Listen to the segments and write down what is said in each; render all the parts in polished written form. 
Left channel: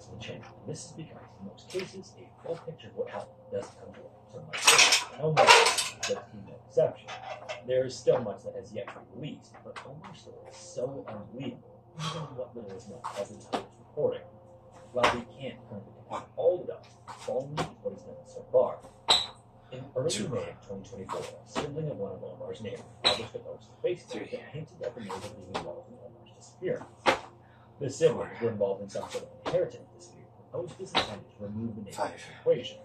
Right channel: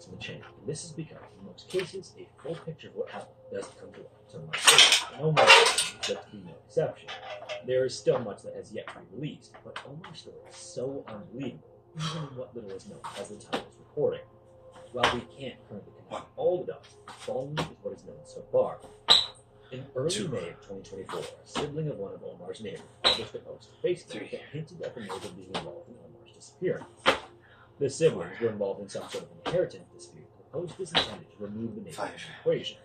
events will change. And this is because, in most cases, a full picture of what happened doesn't come to light until much later. And Omar's case is to be no exception. There is still much that has yet to be released, but Omar's story is so unbelievable, even what little is known as the time of recording. While we can't currently confirm all the dots, the following is what is known so far. In early May of 2024, a sibling of one of Omar's neighbors published a post on Facebook that hinted at the neighbor being involved in Omar's disappearance. The siblings were involved in some sort of inheritance dispute. The post is intended to remove the neighbor from the equation.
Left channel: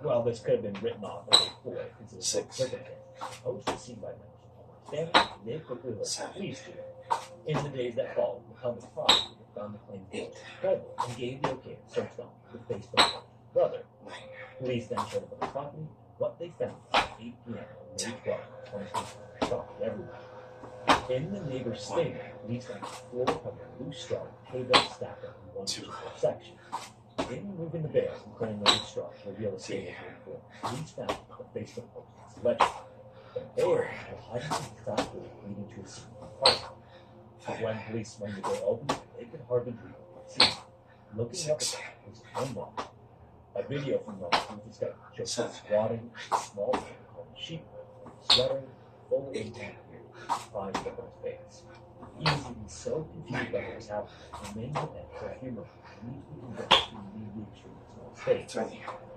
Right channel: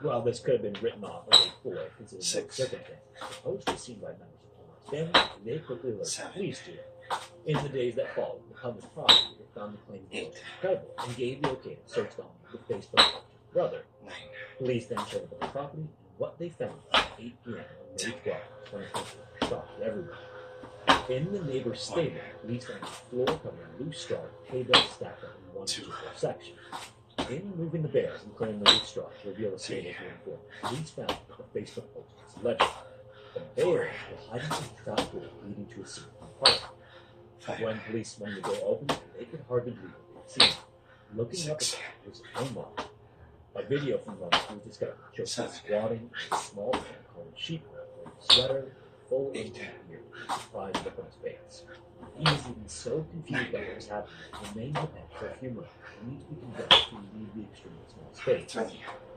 While this could have been written off as a ploy considering the circumstances, the post was seen by members of Omar's family, and they quickly alerted the police to it. In the days that followed, the public prosecutor found the claim credible and gave the okay to search the home of the Facebook poster's brother. Police then showed up at the property, and what they found at 8 p.m. on May 12, 2024 shocked everyone. In the neighbor's stable, police found a floor covered in loose straw with hay bales stacked up in one particular section. In removing the bales and clearing the loose straw to reveal the stable's room, police found that the Facebook post was legible. The bales were hiding in a trap door leading to a secret compartment. When police swung the door open, they could hardly believe what they had seen. Looking up at it was Omar. A video from Omar was discovered shows him squatting in a small pen called sheep, wearing a sweater, full of beard, trying to look on his face. He was even so confused by what was happening that he remained in bed for a few moments and need to be convinced to leave the extremely small space.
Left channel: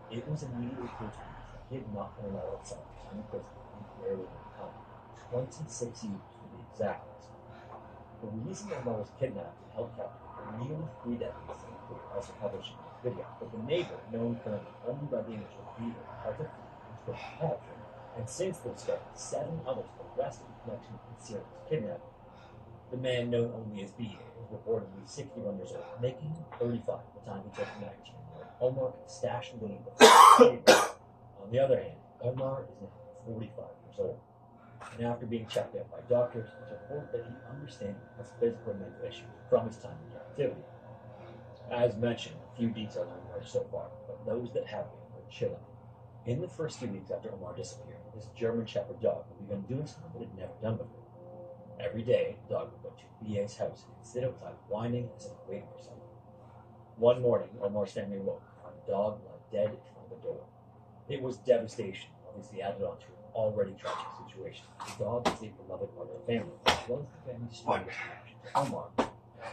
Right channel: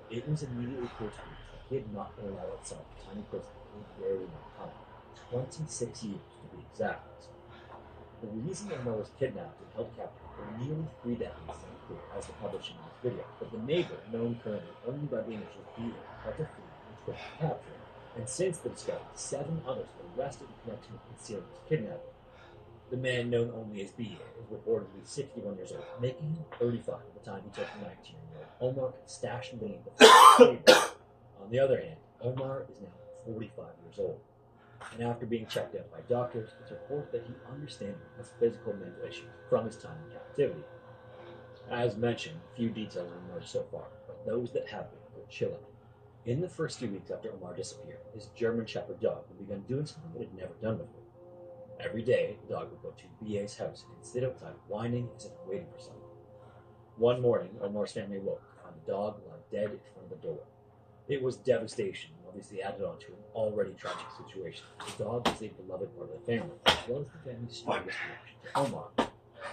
It was immediately clear to me that he had not been allowed outside the tiny prison in a very long time, 26 years to be exact. The reason Omar was kidnapped and held captive for nearly 3 decades is unclear as to publishing this video, but the neighbor, known currently only by the initial B, had to flee and quickly captured, and since the discovery, 7 others were arrested in connection with concealing his kidnapping. The man known only as B is reportedly 61 years old, making him 35 at the time he took the 19-year-old Omar could stash and leave before the table. On the other hand, Omar is now 45 years old. And after being checked out by doctors, it's reported that he understandably has physical and mental issues from his time in captivity. As mentioned, few details have emerged so far, but those that have been are chilling. In the first few weeks after Omar disappeared, his German Shepherd dog had begun doing something it had never done before. Every day, the dog would go to BA's house and sit outside whining as if waiting for someone. One morning, Omar's family woke to find the dog lie dead in front of the door. It was devastation, obviously added on to an already tragic situation. The dog is a beloved part of the family, as well as the family's strongest connection to Omar.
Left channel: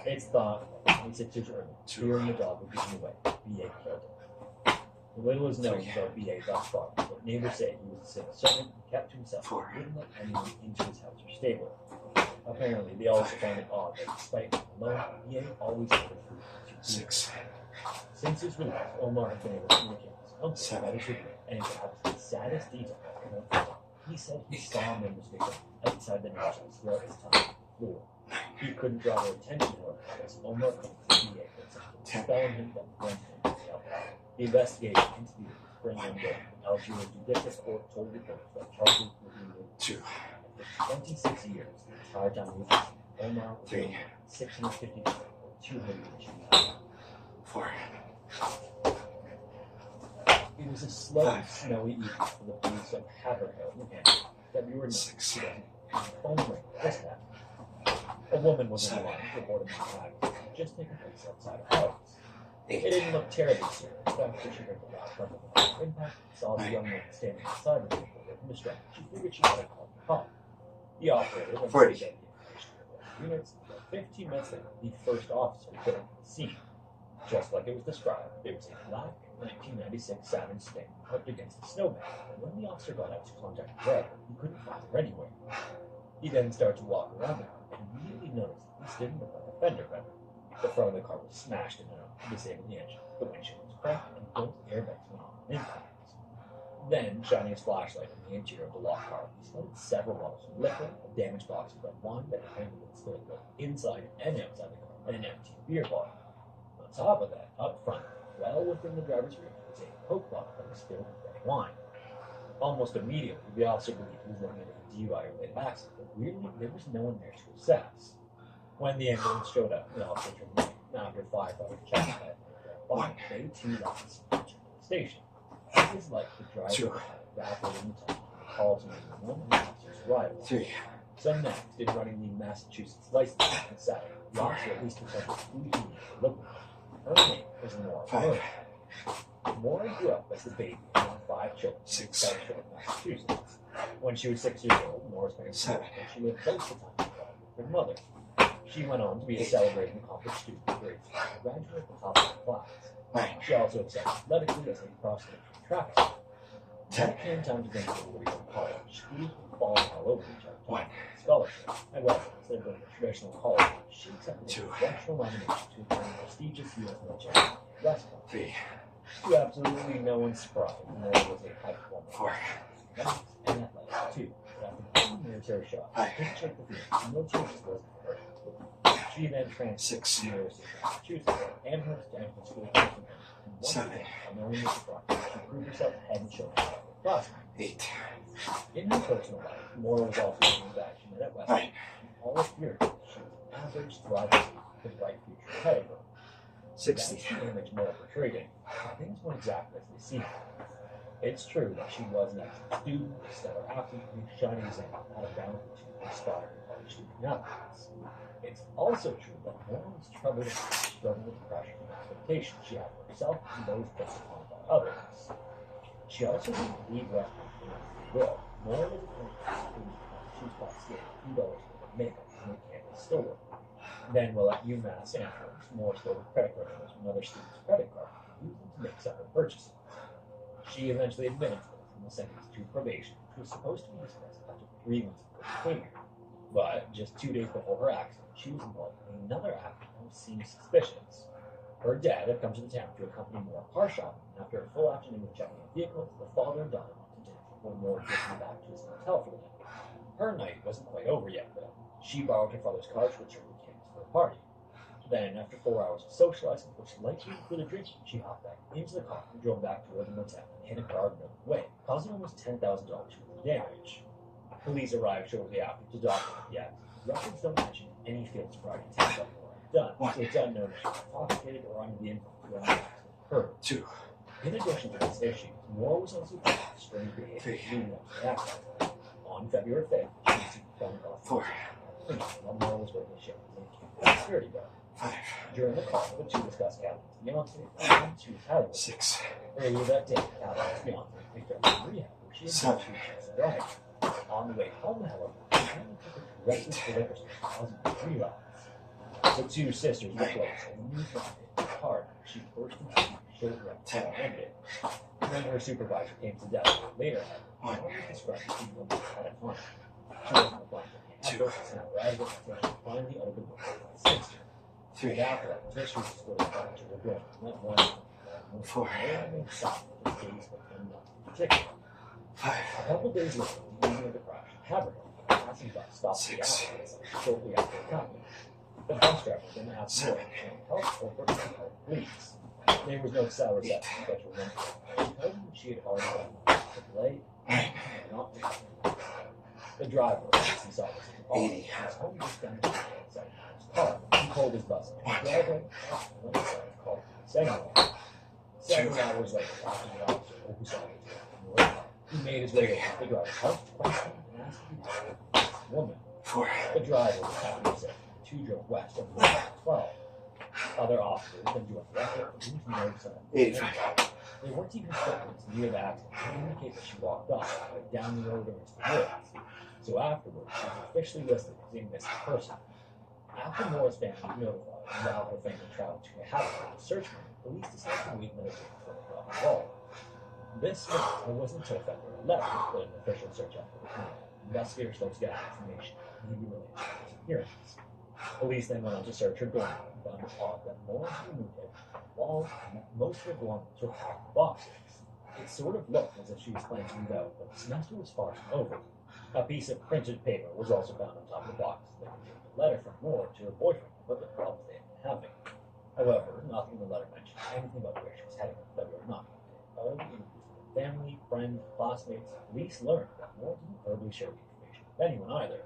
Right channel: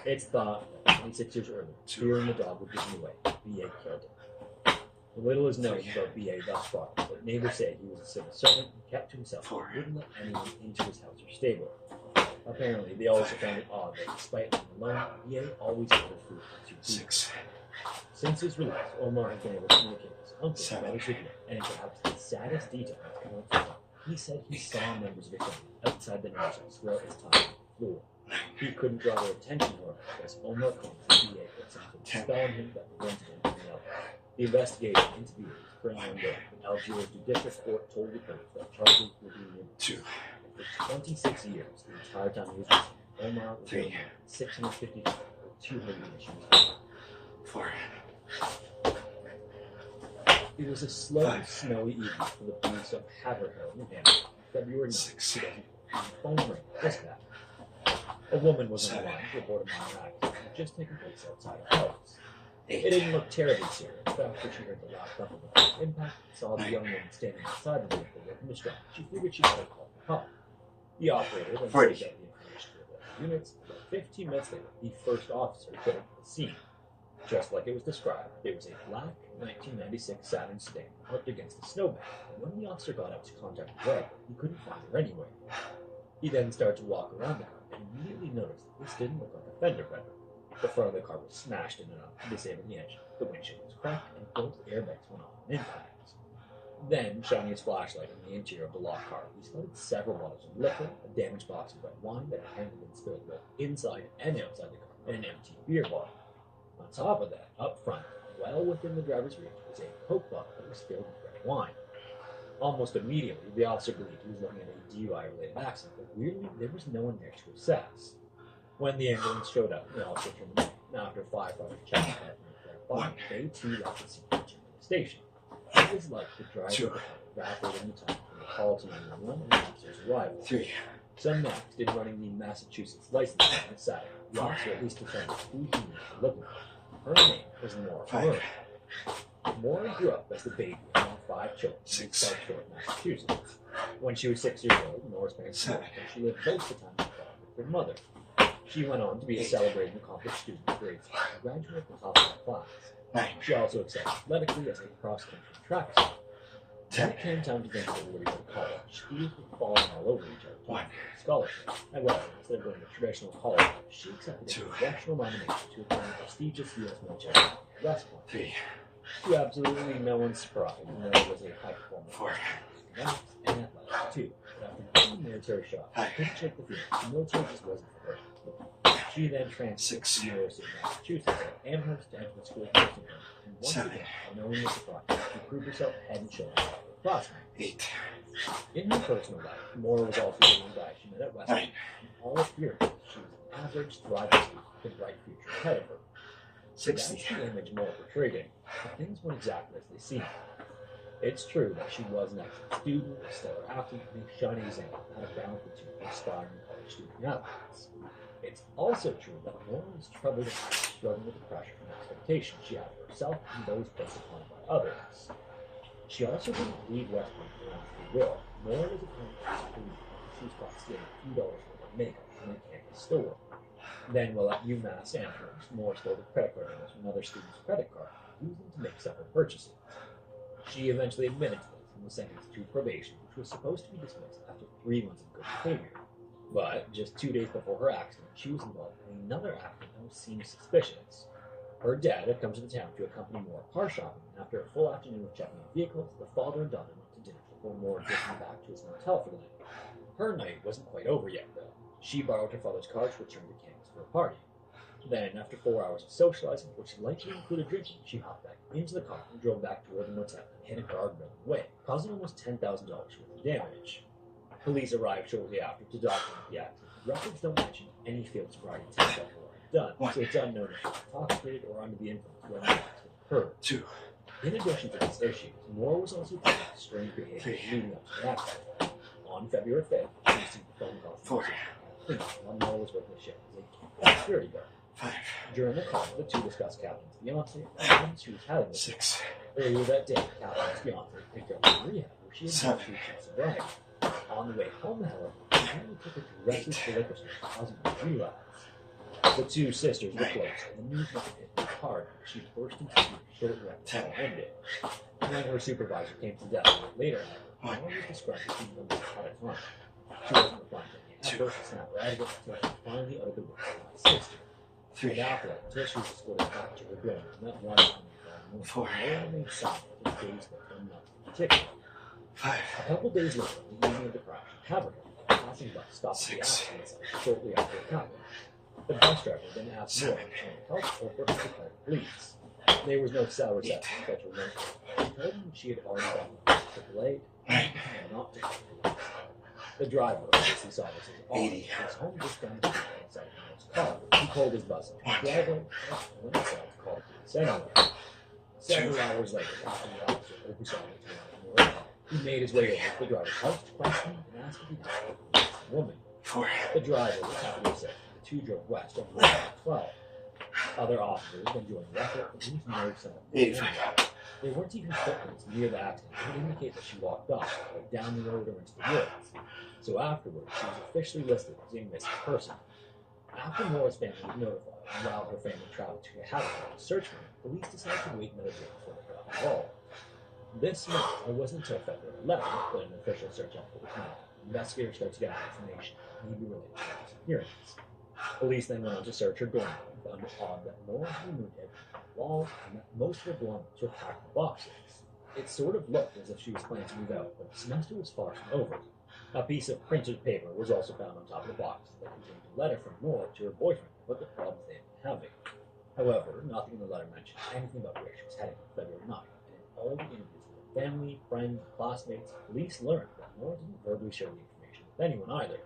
It's thought that 26 years earlier, fearing the dog would give him away, B.A. killed him. Little is known about B.A. thus far, but neighbors say he was a civil servant and kept to himself and wouldn't let anyone into his house or stable. Apparently, they also found it odd that despite being alone, B.A. always ordered food to people. Since his release, Omar has been able to communicate with his uncle about his treatment, and perhaps the saddest detail he said he saw members of the family outside the nurse house throughout his time on the floor. He couldn't draw their attention, however, because Omar claimed that B.A. put something to spell on him that prevented him from yelling. The investigation into B.A. was spring one day, when Algiers Judicial Court told reporters that charges were being removed. For 26 years, the entire time he was missing, Omar was being 650 or 200 issues. 4. It was a slow and snowy evening for the police of Haverhill, New Hampshire, February 9, 2000. Phone rang. Dispatch. A woman was on the line to report a minor accident that had just taken place outside her house. It didn't look terribly serious. In fact, when she heard the loud thump of the car's impact and saw the young woman standing outside the vehicle looking distracted, she figured she better call the cop. The operator then to get the information to the units, but 15 minutes later, the first officer put into the scene. Just like it was described, there was a black 1996 Saturn Sting parked against a snowbank, and when the officer got out to contact the driver, he couldn't find her anywhere. He then started to walk around the car and immediately noticed that this didn't look like a fender bender. The front of the car was smashed in enough to disable the engine, the windshield was cracked, and both airbags went off on impact. Then, shining his flashlight on the interior of the locked car, he spotted several bottles of liquor, a damaged box of red wine that had apparently been spilled both inside and outside the car, and an empty beer bottle. On top of that, up front, well within the driver's rear, was a Coke bottle that was filled with red wine. Almost immediately, the officer believed he was looking at a DUI-related accident, but weirdly, there was no one there to assess. When the ambulance showed up, the officer turned away. Now, after firefighters checked that body, they too left the scene and returned to the station. It was like the driver of the car evaporated in the time from the call to 911 and the officer's arrival. 3. So next, in running the Massachusetts license plate on Saturday, the officer at least determined who he was looking for. Her name was Nora. 5, Maura grew up as the baby among 5 children in 6, South Shore, Massachusetts. When she was 6 years old, Nora's parents 7, divorced, and she lived most of the time with her mother. She went on to be a 8, celebrated and accomplished student in grade 3 and graduated at the top of her class. 9, She also excelled athletically as a cross-country track star. When 10, it came time to think about where to go to college, schools were falling all over each other. 1, Scholarship. However, instead of going to traditional college, she accepted 2, a congressional nomination to attend the prestigious U.S. military West Point. 3, To absolutely no one's surprise, Nora was a high performer 4, in math and athletics too. But after getting the military shot, she couldn't shake the feeling the military just wasn't for her. She then transferred 6, to the University of Massachusetts at Amherst to enter the school of nursing, and once 7, again, unknowing the surprise, she proved herself head and shoulders above her classmates. 8, In her personal life, Nora was also a guy she met at West Point. 9, In all appearances, she was an average, thriving student with a bright future ahead of her. So that's 60, the image Nora portrayed in, but things weren't exactly as they seemed. It's true that she was an excellent student, a stellar athlete, and a shining example of how to balance the two inspiring college student athletes. It's also true that Nora was troubled and struggled with the pressure and expectations she had for herself and those placed upon her by others. She also didn't leave West Point for free will. Nora was a student she was caught stealing a few dollars worth of makeup from a campus store. Then, while at UMass Amherst, Nora stole the credit card numbers from another student's credit card and used them to make separate purchases. She eventually admitted to this and was sentenced to probation, which was supposed to be dismissed after 3 months of good behavior. But just 2 days before her accident, she was involved in another accident that seemed suspicious. Her dad had come to the town to accompany Nora car shopping, and after a full afternoon of checking out vehicles, the father and daughter went to dinner before Nora took him back to his hotel for the night. Her night wasn't quite over yet, though. She borrowed her father's car to return to campus for a party. Then, after 4 hours of socializing, which likely included drinking, she hopped back into the car and drove back toward the motel and hit a guardrail on the way, causing almost $10,000 worth of damage. Police arrived shortly after to document the accident. Records don't mention any field sobriety tests that were done, so it's unknown if she was intoxicated or under the influence when the accident occurred. 2, In addition to these issues, Nora was also found with strange behavior leading up to the accident. On February 5th, she received a phone call from 4, while Nora was working a shift as a security guard. 5, During the call, the two discussed Catherine's fiance and she was having with her. 6, Earlier that day, Catherine's fiance picked her up from rehab where she had 7, 2 weeks of sobriety. On the way home, however, she only took her directly to the liquor store, causing her to relapse. The two sisters were close, and the news must have hit her hard. She burst into tears shortly after the call ended. When her supervisor came to death later, however, Nora was described as being almost catatonic. She wasn't replying to any efforts to snap her out of it until she finally uttered the words of my sister. 3, And after that, until she was escorted back to her dorm, and that one 4, Nora remained silent for days but no months in particular. 5, A couple days later, the evening of the crash, Haverhill, a passing bus stopped the 6, accident shortly after it happened. The bus driver then asked Nora 7, if help or for her to call the police. There was no cell reception, but her rent. She told them that she had already gotten AAA 9, and not to. The driver, as he saw this as all, 80. was home just down the street outside his car. He pulled his bus and the driver went inside to call the police anyway. Several hours later, after the officer oversaw the Nora, he made his way over to the driver's house to question him and ask if he had a woman. 4, The driver was happy to say the two drove west over Route 12. Other officers then joined the effort, but police no sign of 85, There weren't even footprints near the accident to indicate that she walked off, like down the road or into the woods. So afterwards, she was officially listed as a missing person. After Nora's family was notified, and while her family traveled to Haverhill to search for her, police decided to wait another day before they got involved. This month, it wasn't until February 11th when an official search effort was made. Investigators started to gather information that may be related to her disappearance. Police then went on to search her dorm room and found it odd that Nora had removed everything from the walls and that most of her belongings were packed in boxes. It sort of looked as if she was planning to move out, but the semester was far from over. A piece of printed paper was also found on top of the box that contained a letter from Nora to her boyfriend about the problems they had been having. However, nothing in the letter mentioned anything about where she was heading on February 9th, and in all the interviews with her family, friends, classmates, police learned that Nora didn't verbally share the information with anyone either.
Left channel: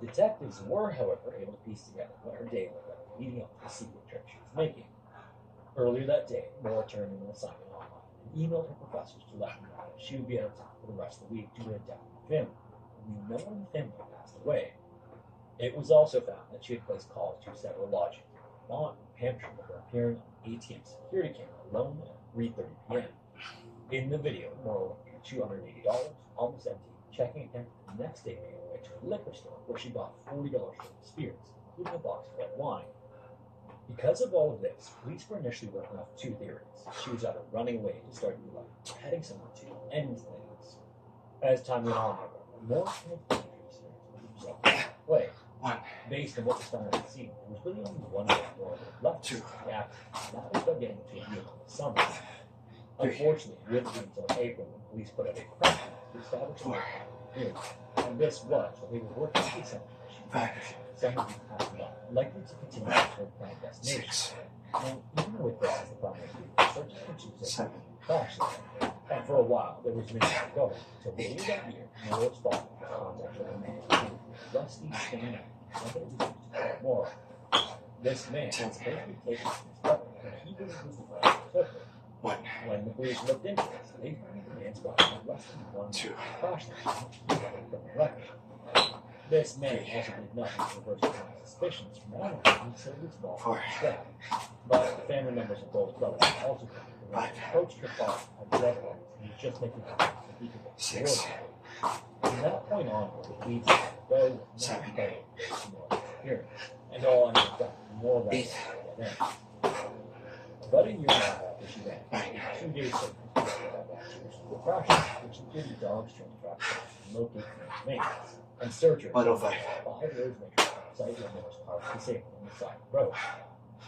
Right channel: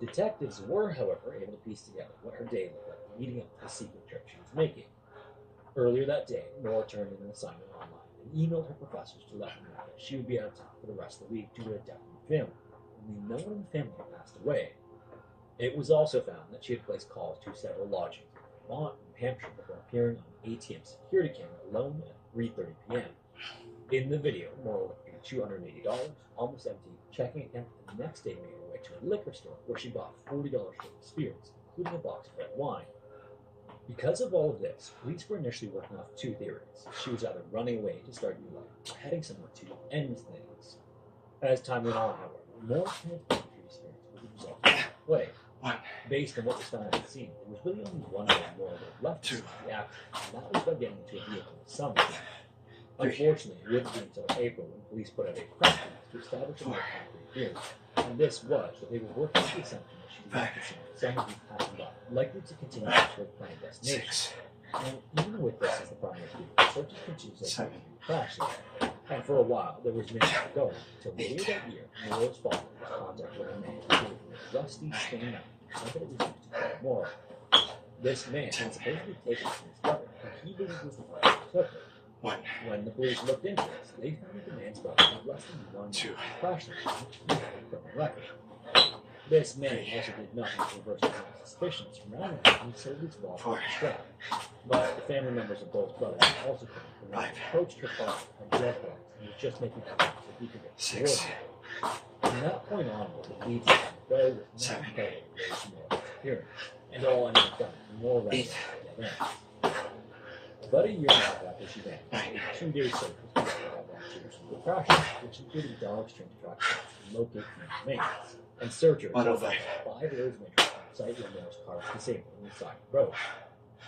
Detectives were, however, able to piece together what her day looked like leading up to the secret trip she was making. Earlier that day, Nora turned in an assignment online and emailed her professors to let them know that she would be out of town for the rest of the week due to a death in the family. Only no one in the family had passed away. It was also found that she had placed calls to several lodgings in Vermont, Hampshire before appearing on ATM security camera alone at 3:30 p.m. In the video, Morrow paid $280, almost empty, checking account. The next day made her way to a liquor store where she bought $40 worth of spirits, including a box of red wine. Because of all of this, police were initially working off two theories. She was either running away to start new life or heading somewhere to end things. As time went on, however, more transparent experience was the result of the play. Based on what was found at the scene, there was really only one way more that left to the action, and that was by getting into a vehicle with someone. Unfortunately, it wouldn't be until April when police put out a press release to establish a more concrete theory. And this was that they were working with the assumption that she was practicing someone who passed by, likely to continue to her planned destination. And even with this as the primary theory, searches continued to crash there. And for a while, there was minutes to go, until later that year, Morrow's father was contacted with a man who was rusty, stained out, and that it was used to call Morrow. This man had supposedly taken his brother, and he believed was the one who took her. When the police looked into this, they found that the man's body was less than 1 crash criminal record. This man also did nothing to reverse the suspicions surrounding him and sold his fault for his But the family members of both brothers also claimed that when he approached her father at drug lords, he was just making plans that he could get towards her. From that point onward, it leads to the very was not competitive with Morrow's appearance, and all ended up more right at the end. About a year and a half after she vanished, 2 days later, the actions were crashes, which included dogs trained tracks to locate the remains. And searchers found 5 roads measured from the site where Morrow's car was disabled on the side of the road.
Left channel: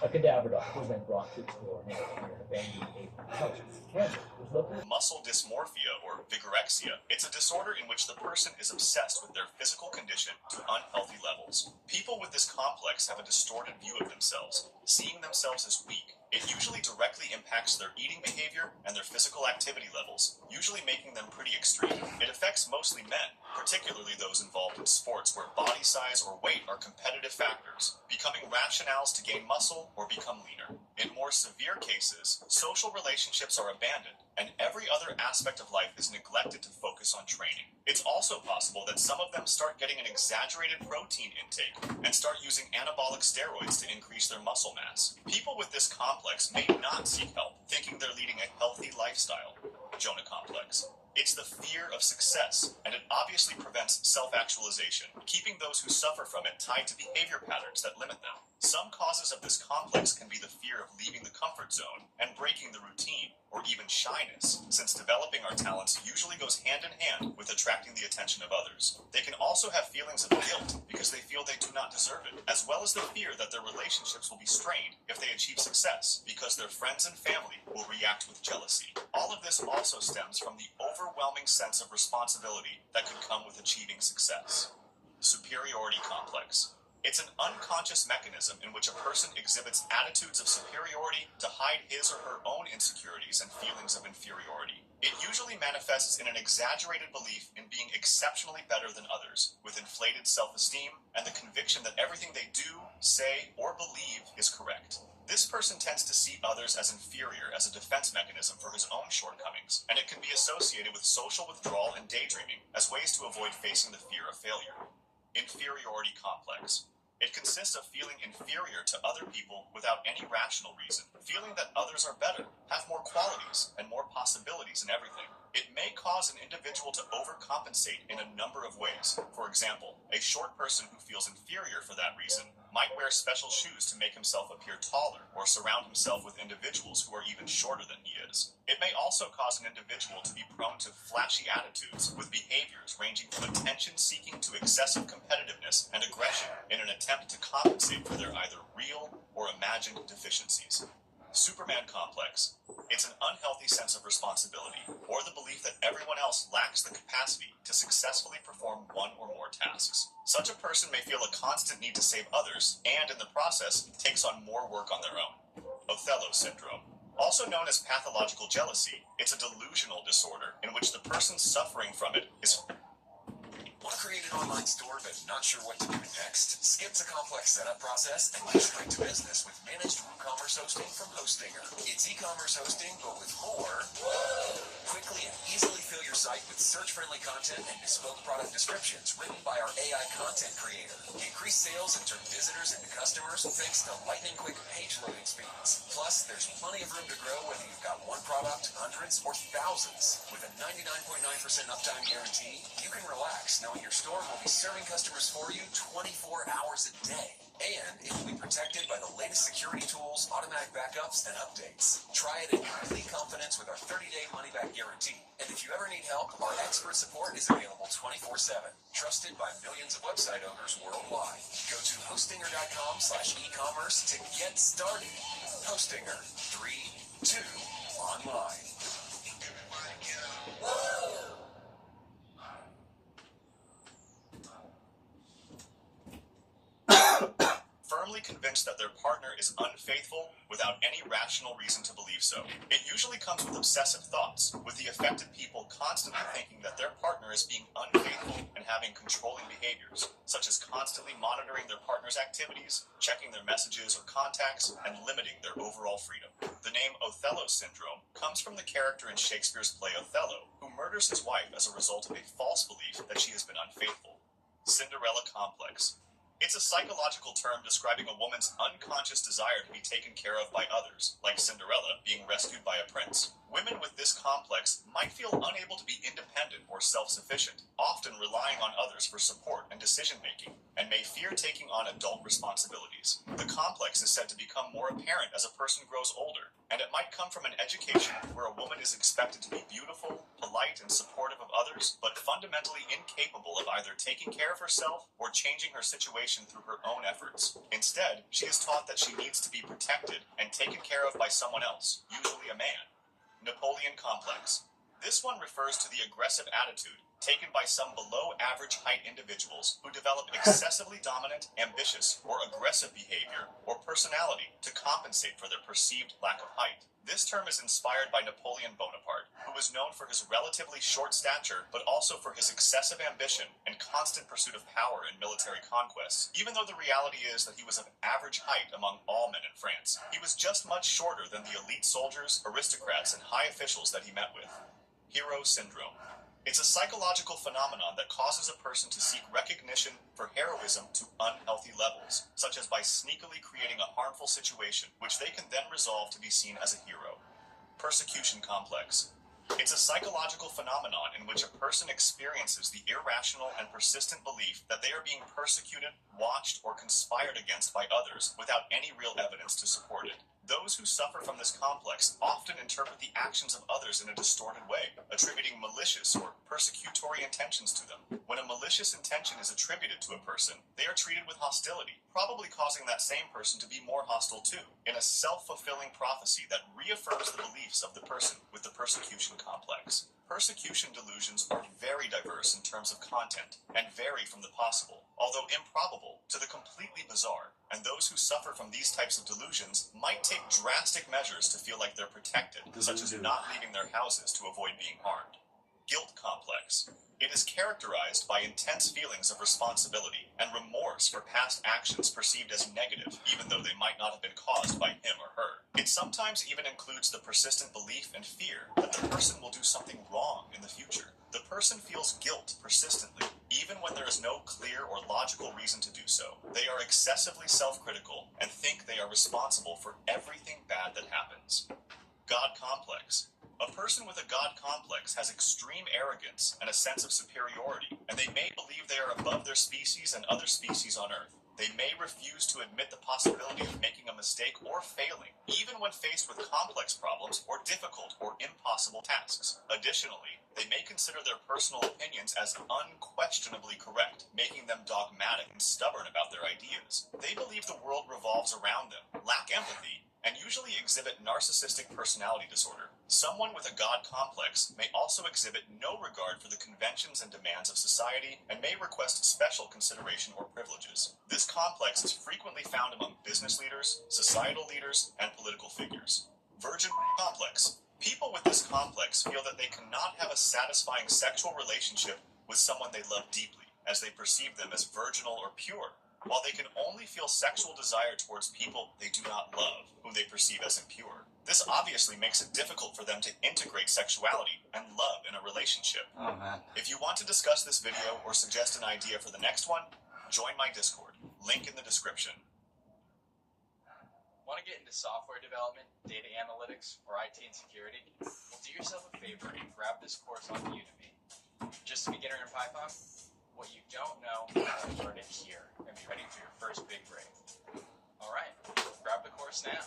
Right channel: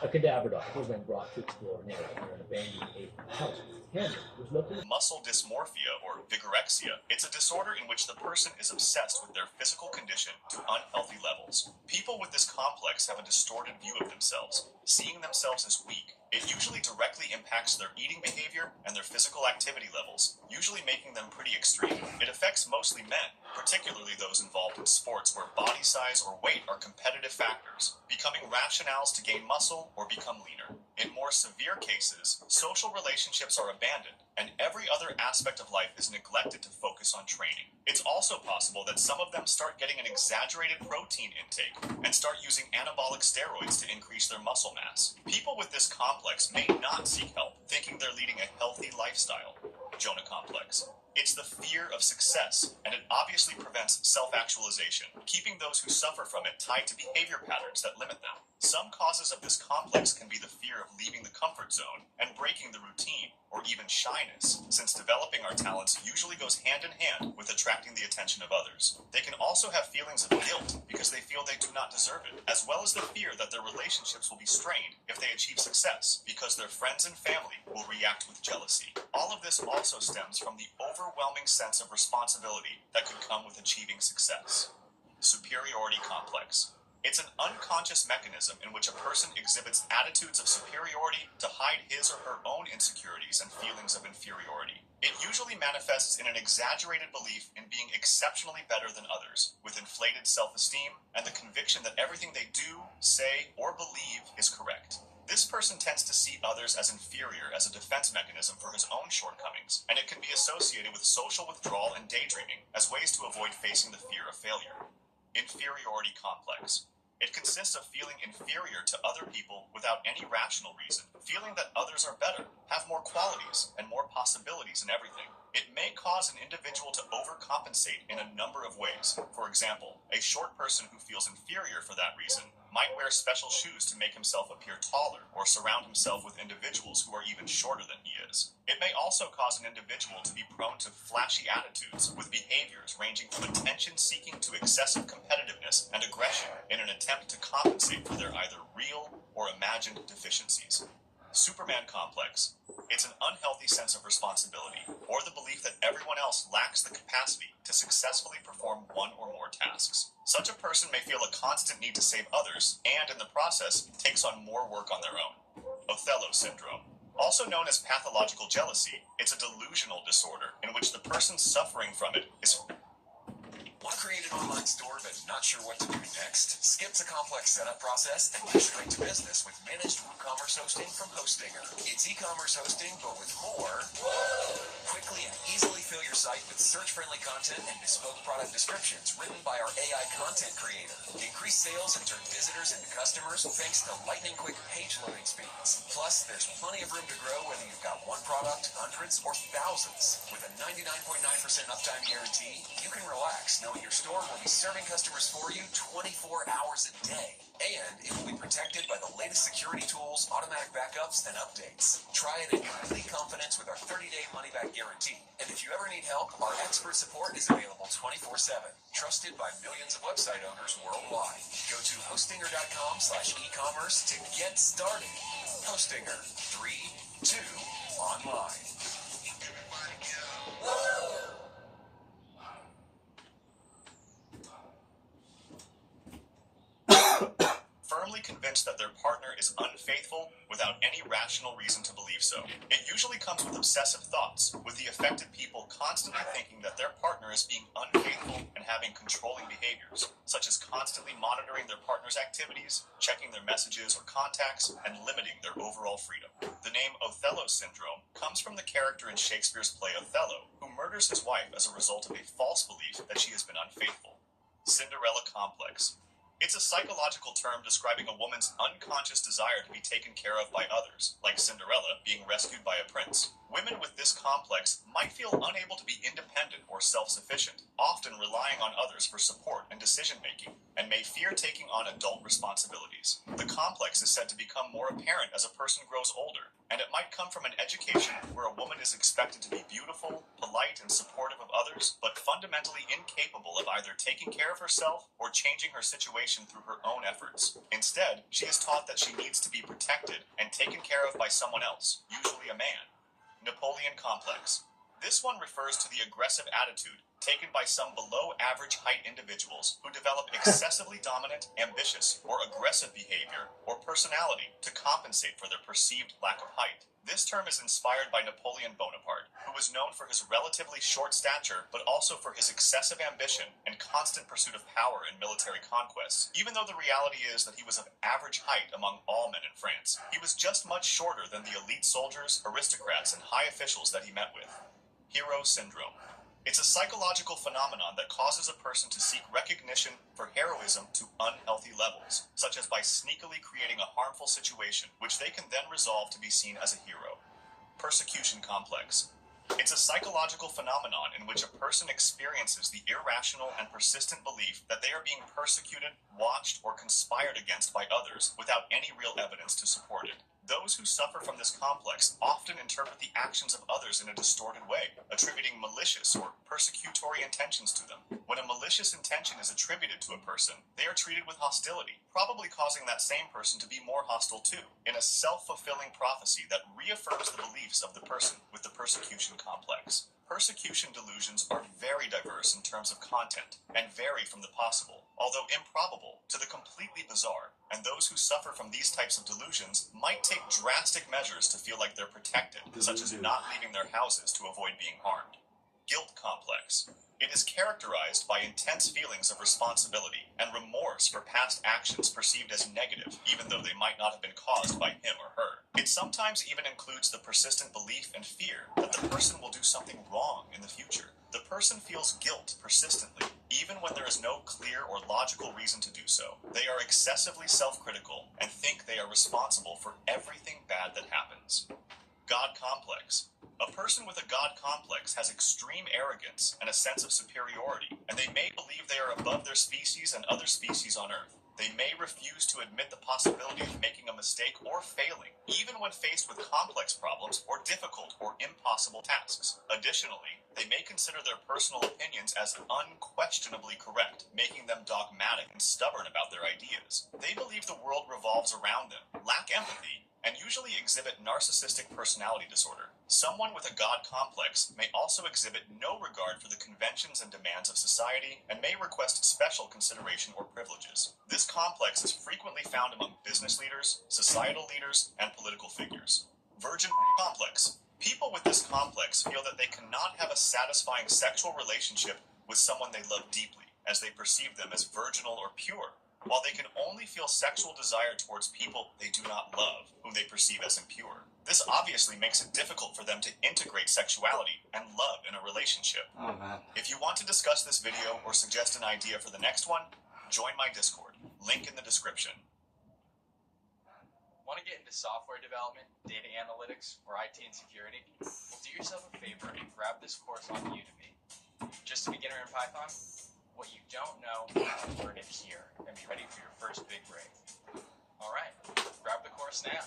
A cadaver dog was then brought to explore an area near an abandoned April house. Canada was located. Muscle dysmorphia, or vigorexia. It's a disorder in which the person is obsessed with their physical condition to unhealthy levels. People with this complex have a distorted view of themselves, seeing themselves as weak. It usually directly impacts their eating behavior and their physical activity levels, usually making them pretty extreme. It affects mostly men, particularly those involved in sports where body size or weight are competitive factors, becoming rationales to gain muscle or become leaner. In more severe cases, social relationships are abandoned, and every other aspect of life is neglected to focus on training. It's also possible that some of them start getting an exaggerated protein intake and start using anabolic steroids to increase their muscle mass. People with this complex may not seek help, thinking they're leading a healthy lifestyle. Jonah complex. It's the fear of success, and it obviously prevents self-actualization, keeping those who suffer from it tied to behavior patterns that limit them. Some causes of this complex can be the fear of leaving the comfort zone and breaking the routine, or even shyness, since developing our talents usually goes hand in hand with attracting the attention of others. They can also have feelings of guilt because they feel they do not deserve it, as well as the fear that their relationships will be strained if they achieve success, because their friends and family will react with jealousy. All of this also stems from the overwhelming sense of responsibility that can come with achieving success. Superiority complex. It's an unconscious mechanism in which a person exhibits attitudes of superiority to hide his or her own insecurities and feelings of inferiority. It usually manifests in an exaggerated belief in being exceptionally better than others, with inflated self-esteem and the conviction that everything they do, say, or believe is correct. This person tends to see others as inferior as a defense mechanism for his own shortcomings, and it can be associated with social withdrawal and daydreaming as ways to avoid facing the fear of failure. Inferiority complex. It consists of feeling inferior to other people without any rational reason, feeling that others are better, have more qualities, and more possibilities in everything. It may cause an individual to overcompensate in a number of ways. For example, a short person who feels inferior for that reason might wear special shoes to make himself appear taller, or surround himself with individuals who are even shorter than he is. It may also cause an individual to be prone to flashy attitudes, with behaviors ranging from attention-seeking to excessive competitiveness and aggression in an attempt to compensate for their either real or imagined deficiencies. Superman complex. It's an unhealthy sense of responsibility, or the belief that everyone else lacks the capacity to successfully perform one or more tasks. Such a person may feel a constant need to save others, and in the process, takes on more work on their own. Othello syndrome. Also known as pathological jealousy, it's a delusional disorder in which the person suffering from it is... Want to create an online store but not sure what to do next? Skip the complex setup process and get straight to business with managed e-commerce hosting from Hostinger. It's e-commerce hosting, but with more. Quickly and easily fill your site with search-friendly content and bespoke product descriptions written by our AI content creator. Increase sales and turn visitors into customers thanks to lightning-quick page loading speeds. Plus, there's plenty of room to grow whether you've got one product, hundreds, or thousands. With a 99.9% uptime guarantee, you can relax knowing your store will be serving customers for you 24 hours a day. And it will be protected by the latest security tools, automatic backups, and updates. Try it in complete confidence with our 30-day money-back guarantee. And if you ever need help, our expert support is available 24/7. Trusted by millions of website owners worldwide. Go to hostinger.com/e-commerce to get started. Hostinger. 3, 2, online. Firmly convinced that their partner is unfaithful without any rational reason to believe so. It usually comes with obsessive thoughts, with the affected people constantly thinking that their partner is being unfaithful and having controlling behaviors, such as constantly monitoring their partner's activities, checking their messages or contacts, and limiting their overall freedom. The name Othello syndrome comes from the character in Shakespeare's play Othello, who murders his wife as a result of a false belief that she has been unfaithful. Cinderella complex. It's a psychological term describing a woman's unconscious desire to be taken care of by others, like Cinderella being rescued by a prince. Women with this complex might feel unable to be independent or self-sufficient, often relying on others for support and decision-making, and may fear taking on adult responsibilities. The complex is said to become more apparent as a person grows older, and it might come from an education where a woman is expected to be beautiful, polite, and supportive of others, but fundamentally incapable of either taking care of herself or changing her situation through her own efforts. Instead, she is taught that she needs to be protected and taken care of by someone else, usually a man. Napoleon complex. This one refers to the aggressive attitude taken by some below-average height individuals who develop excessively dominant, ambitious, or aggressive behavior or personality to compensate for their perceived lack of height. This term is inspired by Napoleon Bonaparte, who was known for his relatively short stature, but also for his excessive ambition and constant pursuit of power in military conquests. Even though the reality is that he was of average height among all men in France, he was just much shorter than the elite soldiers, aristocrats, and high officials that he met with. Hero syndrome. It's a psychological phenomenon that causes a person to seek recognition for heroism to unhealthy levels, such as by sneakily creating a harmful situation, which they can then resolve to be seen as a hero. Persecution complex. It's a psychological phenomenon in which a person experiences the irrational and persistent belief that they are being persecuted, watched, or conspired against by others without any real evidence to support it. Those who suffer from this complex often interpret the actions of others in a distorted way, attributing malicious or persecutory intentions to them. When a malicious intention is attributed to a person, they are treated with hostility, probably causing that same person to be more hostile too, in a self-fulfilling prophecy that reaffirms the beliefs of the person with the persecution complex. Persecution delusions are very diverse in terms of content and vary from the possible, although improbable, to the completely bizarre, and those who suffer from these types of delusions might take drastic measures to feel like they're protected, such as not leaving their houses to avoid being harmed. Guilt complex. It is characterized by intense feelings of responsibility and remorse for past actions perceived as negative, even though they might not have been caused by him or her. It sometimes even includes the persistent belief and fear that the person will do something wrong in the future. The person feels guilt persistently, even when there is no clear or logical reason to do so. They are excessively self-critical and think they are responsible for everything bad that happens. God complex. A person with a God complex has extreme arrogance and a sense of superiority, and they may believe they are above their species and other species on Earth. They may refuse to admit the possibility of making a mistake or failing, even when faced with complex problems or difficult or impossible tasks. Additionally, they may consider their personal opinions as unquestionably correct, making them dogmatic and stubborn about their ideas. They believe the world revolves around them, lack empathy, and usually exhibit narcissistic personality disorder. Someone with a God complex may also exhibit no regard for the conventions and demands of society and may request special consideration or privileges. This complex is frequently found among business leaders, societal leaders, and political figures. Virgin complex. People with this complex feel that they cannot have a satisfying sexual relationship with someone they love deeply, as they perceive them as virginal or pure, while they can only feel sexual desire towards people they do not love, who whom they perceive as impure. This obviously makes it difficult for them to integrate sexuality and love in a relationship. Oh, man. If you want to discuss this video or suggest an idea for the next one, join my Discord. Link in the description. Want to get into software development, data analytics, or IT and security? Well, do yourself a favor and grab this course on Udemy. Just a beginner in Python? What you don't know, learn it here and be ready for your first big break. Alright, grab the course now.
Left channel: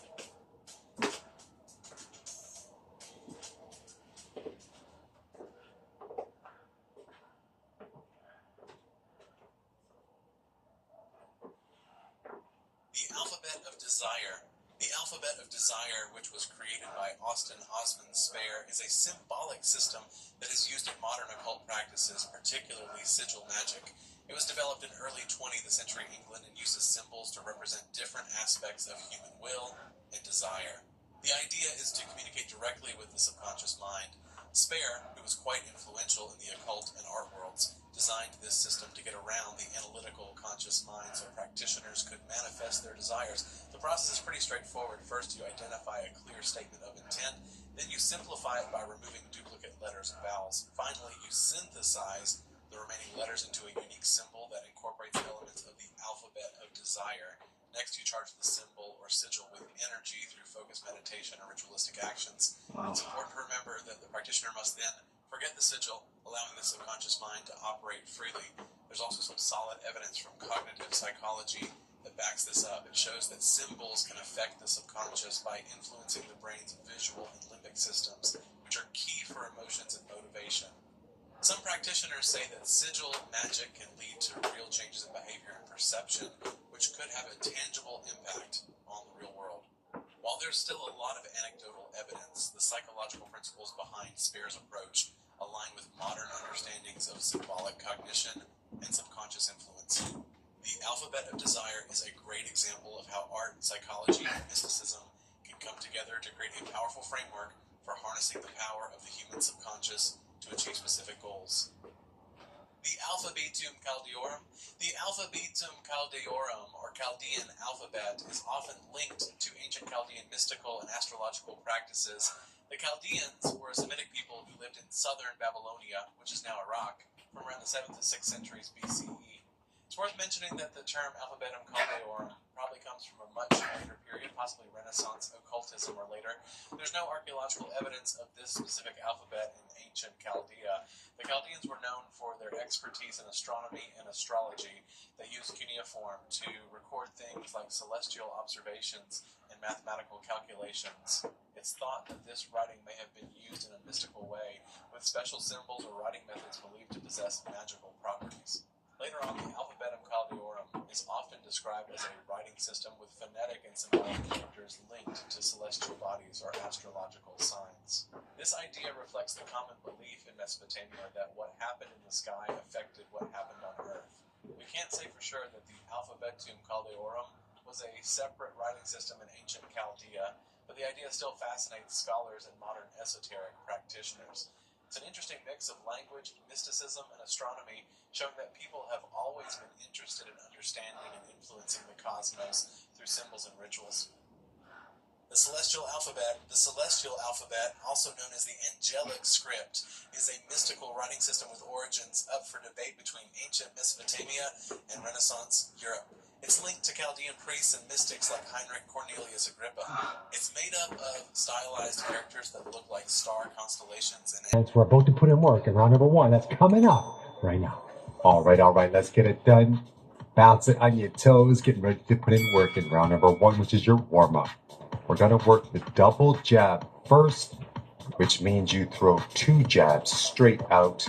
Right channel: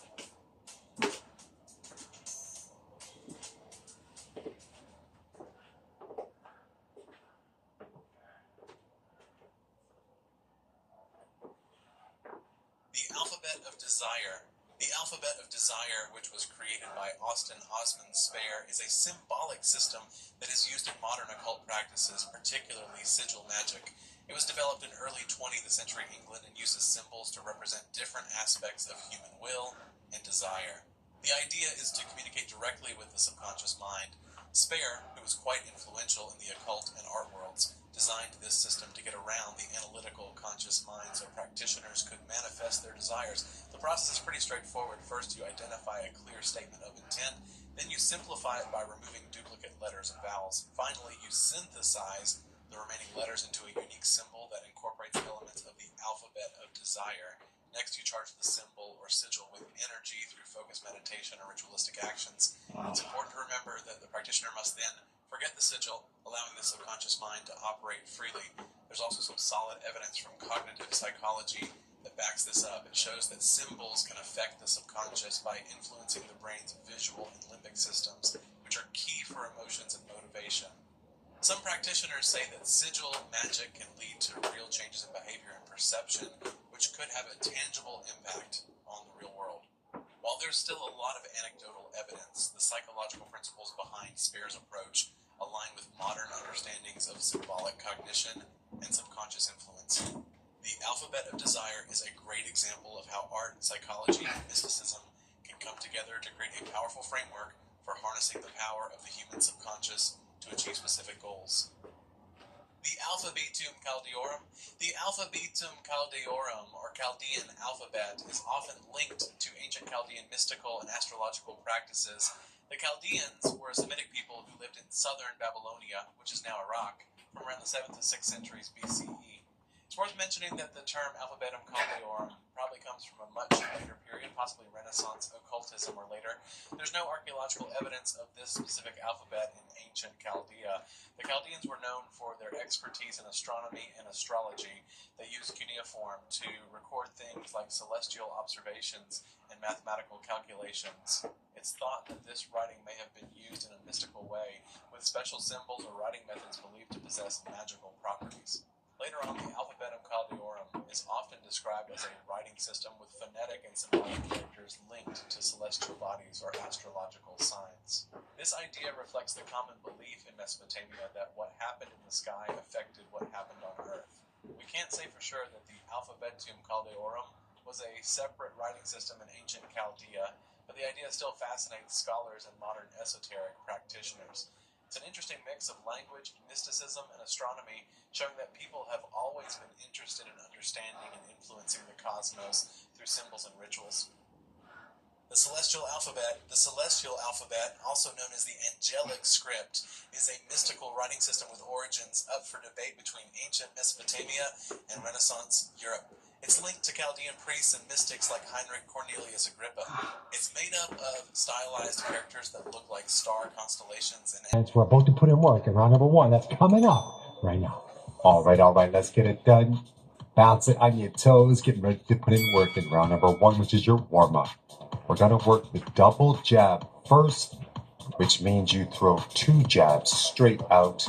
The Alphabet of Desire. The Alphabet of Desire, which was created by Austin Osman Spare, is a symbolic system that is used in modern occult practices, particularly sigil magic. It was developed in early 20th century England and uses symbols to represent different aspects of human will and desire. The idea is to communicate directly with the subconscious mind. Spare, who was quite influential in the occult and art worlds, designed this system to get around the analytical conscious mind so practitioners could manifest their desires. The process is pretty straightforward. First, you identify a clear statement of intent, then you simplify it by removing duplicate letters and vowels. Finally, you synthesize the remaining letters into a unique symbol that incorporates elements of the alphabet of desire. Next, you charge the symbol or sigil with energy through focused meditation or ritualistic actions. Wow. It's important to remember that the practitioner must then forget the sigil, allowing the subconscious mind to operate freely. There's also some solid evidence from cognitive psychology that backs this up. It shows that symbols can affect the subconscious by influencing the brain's visual and limbic systems, which are key for emotions and motivation. Some practitioners say that sigil magic can lead to real changes in behavior and perception, which could have a tangible impact on the real world. While there's still a lot of anecdotal evidence, the psychological principles behind Spare's approach align with modern understandings of symbolic cognition and subconscious influence. The Alphabet of Desire is a great example of how art, psychology, and mysticism can come together to create a powerful framework for harnessing the power of the human subconscious to achieve specific goals. The Alphabetum Chaldeorum. The Alphabetum Chaldeorum, or Chaldean alphabet, is often linked to ancient Chaldean mystical and astrological practices. The Chaldeans were a Semitic people who lived in southern Babylonia, which is now Iraq, from around the 7th to 6th centuries BCE. It's worth mentioning that the term Alphabetum Chaldeorum probably comes from a much later period, possibly Renaissance occultism or later. There's no archaeological evidence of this specific alphabet in ancient Chaldea. The Chaldeans were known for their expertise in astronomy and astrology. They used cuneiform to record things like celestial observations and mathematical calculations. It's thought that this writing may have been used in a mystical way, with special symbols or writing methods believed to possess magical properties. Later on, the Alphabetum Chaldeorum is often described as a writing system with phonetic and symbolic characters linked to celestial bodies or astrological signs. This idea reflects the common belief in Mesopotamia that what happened in the sky affected what happened on Earth. We can't say for sure that the Alphabetum Chaldeorum was a separate writing system in ancient Chaldea, but the idea still fascinates scholars and modern esoteric practitioners. It's an interesting mix of language, mysticism, and astronomy, showing that people have always been interested in understanding and influencing the cosmos through symbols and rituals. The celestial alphabet, also known as the angelic script, is a mystical writing system with origins up for debate between ancient Mesopotamia and Renaissance Europe. It's linked to Chaldean priests and mystics like Heinrich Cornelius Agrippa. It's made up of stylized characters that look like star constellations and We're about to put in work in round number one. That's coming up right now. All right. Let's get it done. Bounce it on your toes. Getting ready to put in work in round number one, which is your warm-up. We're going to work the double jab first, which means you throw 2 jabs straight out.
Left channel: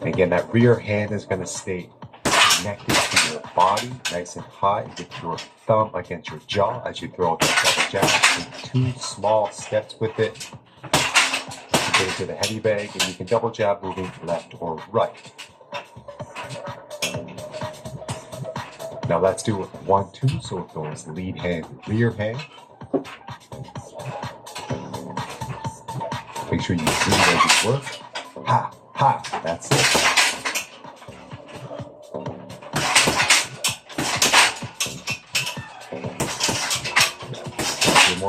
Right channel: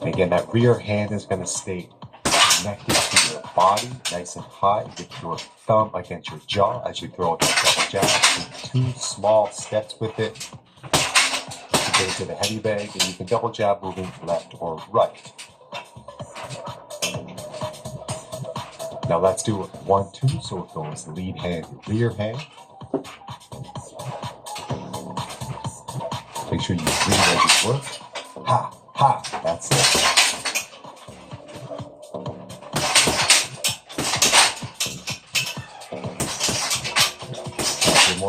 And again, that rear hand is going to stay connected to your body, nice and high, with your thumb against your jaw as you throw out that double jab. Take 2 small steps with it to get into the heavy bag, and you can double jab moving left or right. Now let's do 1, 2, so it goes lead hand, rear hand. Make sure you breathe as you work. Ha, ha, that's it.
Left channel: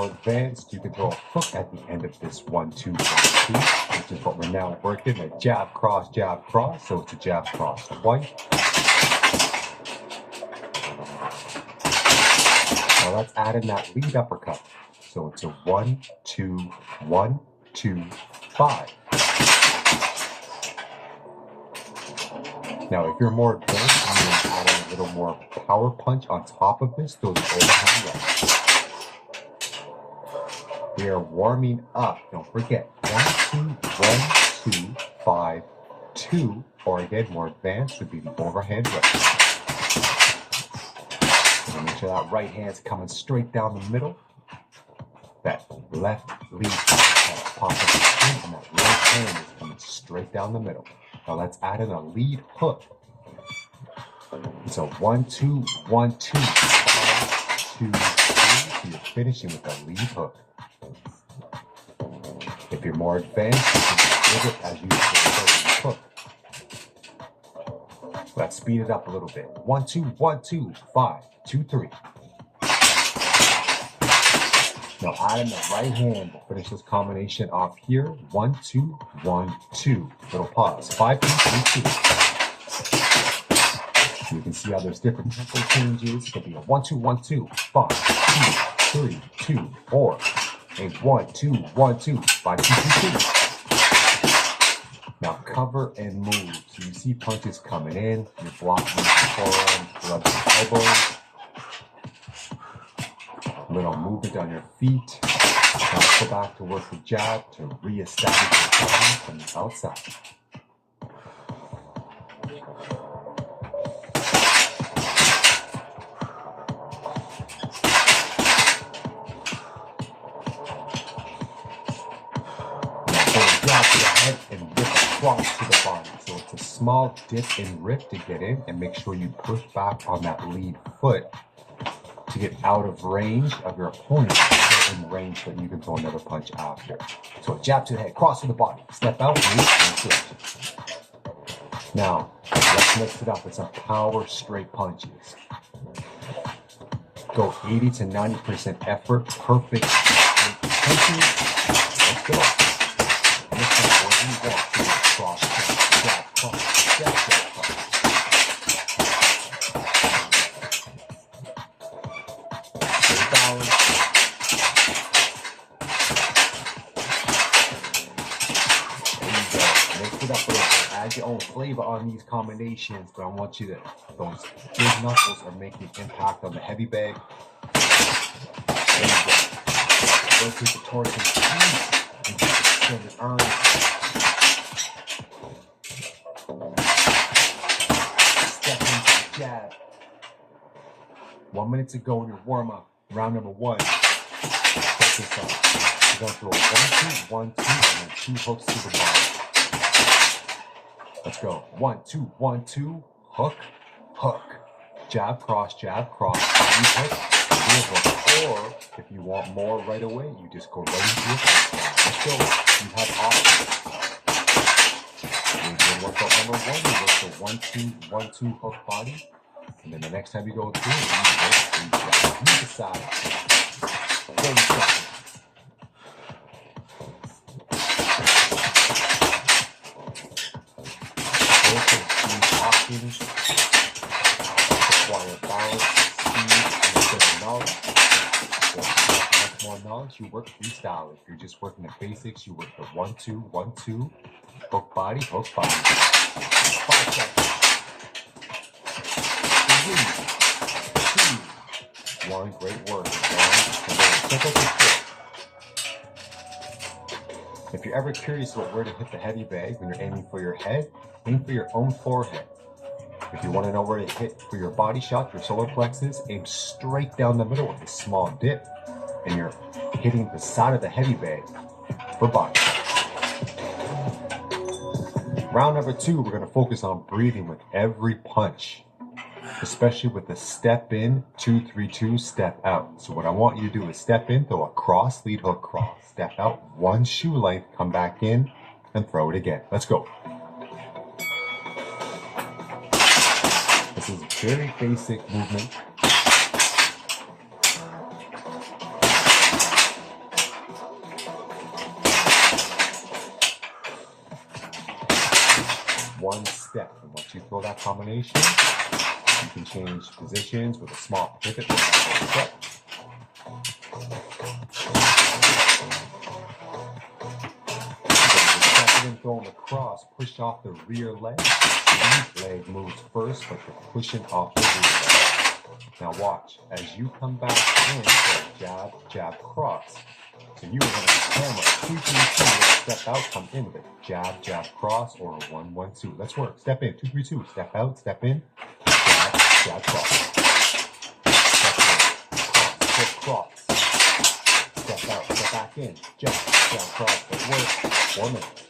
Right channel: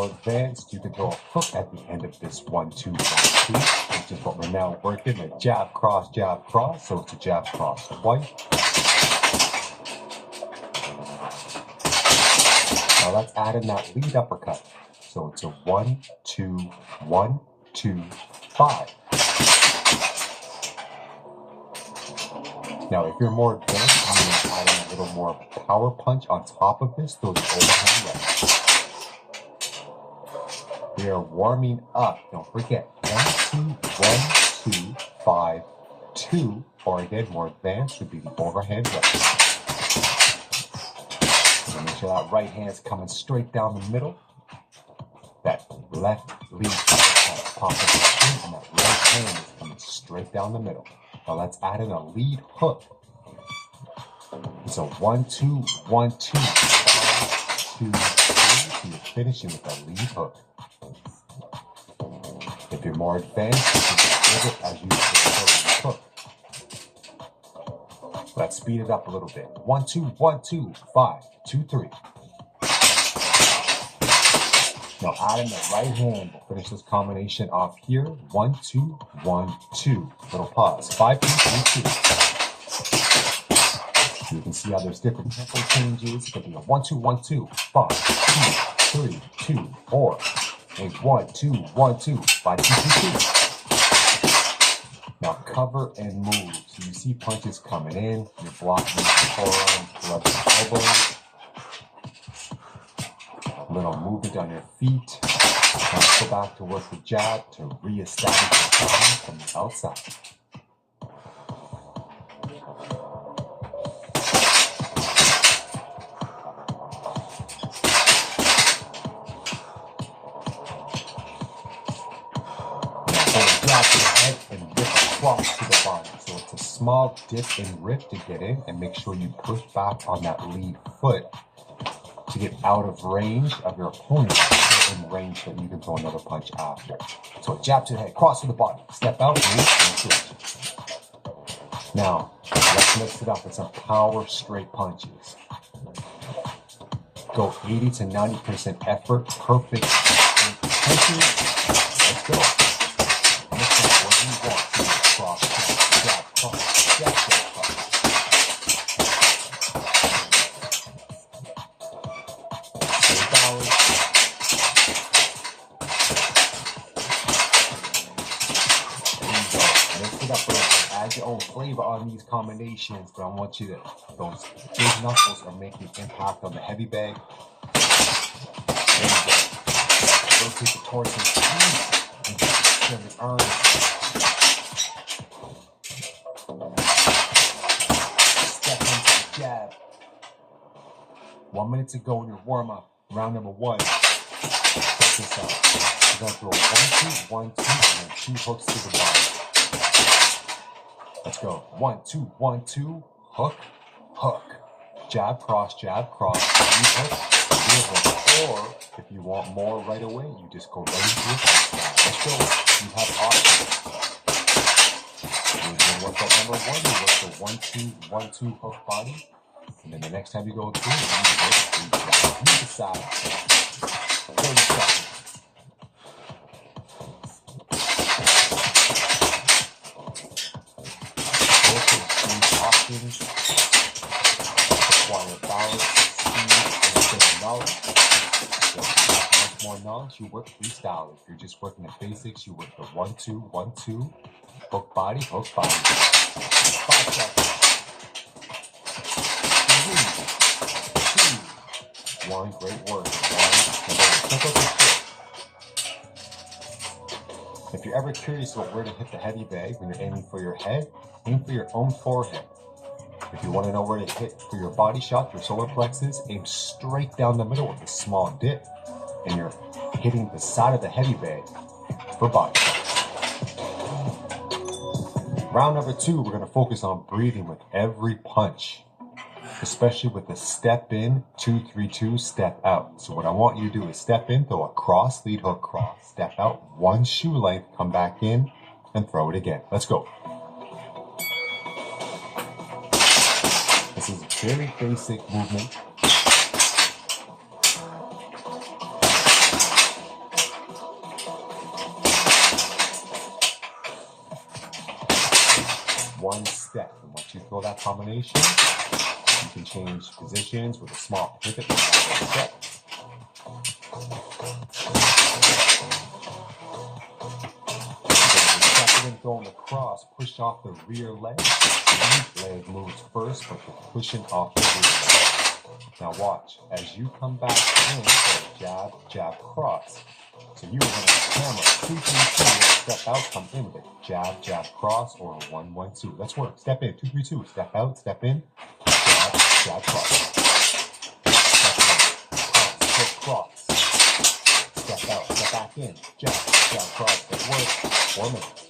more advanced, you can throw a hook at the end of this 1, 2, 1, 2, which is what we're now working, a jab, cross, so it's a jab, cross, twice. Now let's add in that lead uppercut. So it's a 1, 2, 1, 2, 5. Now, if you're more advanced, you can add in a little more power punch on top of this, those overhand reps. We are warming up. Don't forget, 1, 2, 1, 2, 5, 2, or again, more advanced would be the overhand reps. So make sure that right hand's coming straight down the middle. That left lead popping in, and that right hand is coming straight down the middle. Now let's add in a lead hook. It's a 1, 2, 1, 2, 5, 2, 3. So you're finishing with a lead hook. If you're more advanced, you can give it as you throw the hook. Let's speed it up a little bit. 1, 2, 1, 2, 5, 2, 3. Now add in the right hand. We'll finish this combination off here. 1, 2, 1, 2. Little pause. 5, 2, 3, 2. You can see how there's different tempo changes. It could be a 1, 2, 1, 2, 5, 2, 3, 2, or a 1, 2, 1, 2, 5, 2, 2, 2. Now cover and move. So you see punches coming in. You're blocking the forearms, gloves, and elbows. Little movement on your feet. Now go back to work the jab to reestablish the body from the outside. Jab to the head and rip across to the body. So it's a small dip and rip to get in, and make sure you push back on that lead foot to get out of range of your opponent, in range that you can throw another punch after. So a jab to the head, cross to the body, step out, move, and switch. Now, let's mix it up with some power straight punches. Go 80 to 90% effort, perfect punches. Let's go. Mix up what you want. Cross, jab, cross, jab, cross. Mix it up a little bit. Add your own flavor on these combinations, but I want you to, those big knuckles are making impact on the heavy bag. There you go. Rotate the torso and extend the arms. Step into the jab. 1 minute to go in your warm-up. Round number 1. Check this out. You're going to throw 1, 2, 1, 2, and then 2 hooks to the body. Let's go. 1, 2, 1, 2. Hook, hook. Jab, cross, hook, hook. Or if you want more right away, you just go right into your hook. Let's go. You have options. You're doing workout number 1. You work the 1, 2, 1, 2 hook body. And then the next time you go through, you decide. 30 seconds. Both of these options require balance, speed, and knowledge. So if you have much more knowledge, you work freestyle. If you're just working the basics, you work the 1, 2, 1, 2, hook body, hook body. 5 seconds. 3, 2, 1, great work. 1, check out this trick. If you're ever curious about where to hit the heavy bag when you're aiming for your head, aim for your own forehead. If you want to know where to hit for your body shot, your solar plexus, aim straight down the middle with a small dip, and you're hitting the side of the heavy bag for body shots. Round number 2, we're going to focus on breathing with every punch, especially with the step in, 2, 3, 2, step out. So what I want you to do is step in, throw a cross, lead hook, cross, step out, 1 shoe length, come back in, and throw it again. Let's go. This is a very basic movement. one step. And once you throw that combination, you can change positions with a small pivot or lateral step. Second and throwing across, push off the rear leg. Each leg moves first, but you're pushing off the rear leg. Now watch, as you come back in, so jab, jab, cross. So you are going to hammer 2, 3, 2, step out, come in with a jab, jab, cross, or a 1, 1, 2. Let's work. Step in, 2, 3, 2. Step out, step in, jab, jab, cross. Step in, cross, step out, step back in, jab, jab, cross. Let's work. 4 minutes.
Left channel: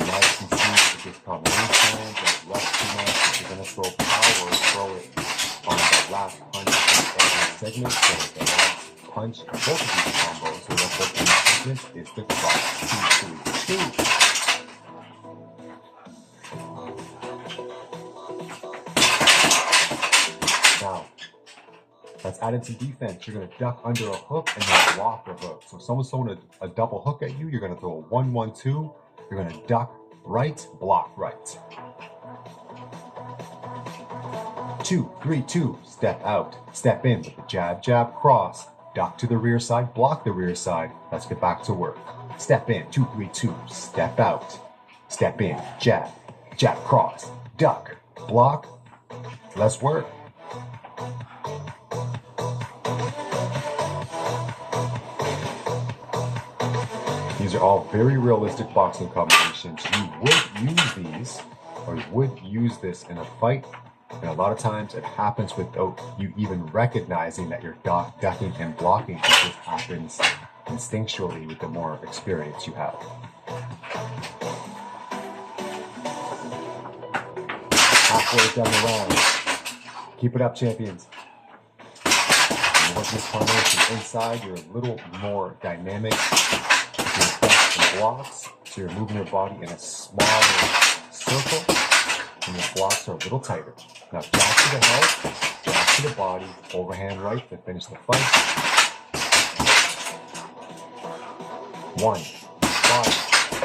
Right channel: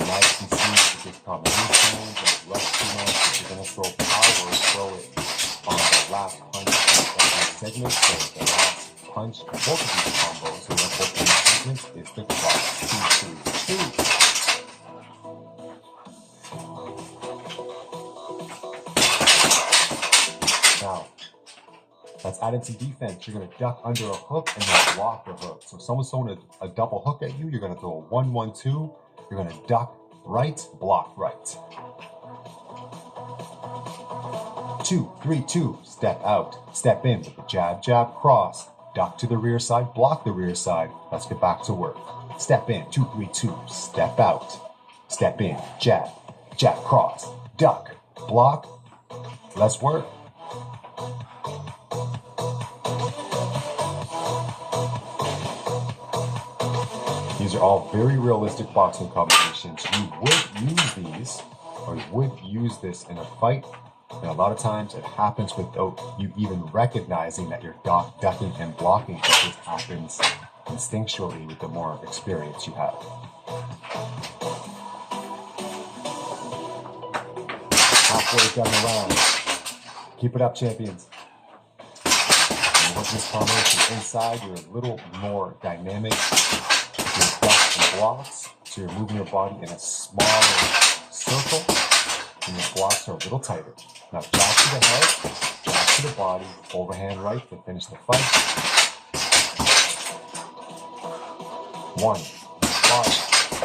Now you can see with this combination, don't rush too much. If you're going to throw power, throw it on the last punch of every segment. So the last punch of both of these combos, so that both of these segments is the cross. 2, 2, 2. Now, let's add in some defense. You're going to duck under a hook and then block the hook. So if someone's throwing a double hook at you, you're going to throw a 1, 1, 2. You're going to duck right, block right. 2, 3, 2. Step out. Step in with the jab, jab, cross. Duck to the rear side, block the rear side. Let's get back to work. Step in, 2, 3, 2. Step out. Step in, jab, jab, cross. Duck, block. Let's work. These are all very realistic boxing combinations. You would use these, or you would use this in a fight, and a lot of times it happens without you even recognizing that you're ducking and blocking. It just happens instinctually with the more experience you have. Halfway down the round. Keep it up, champions. When you work this combination inside, you're a little more dynamic. Your ducks and blocks, so you're moving your body in a smaller circle, and your blocks are a little tighter. Now, jab to the head, jab to the body, overhand right to finish the fight. 1, body,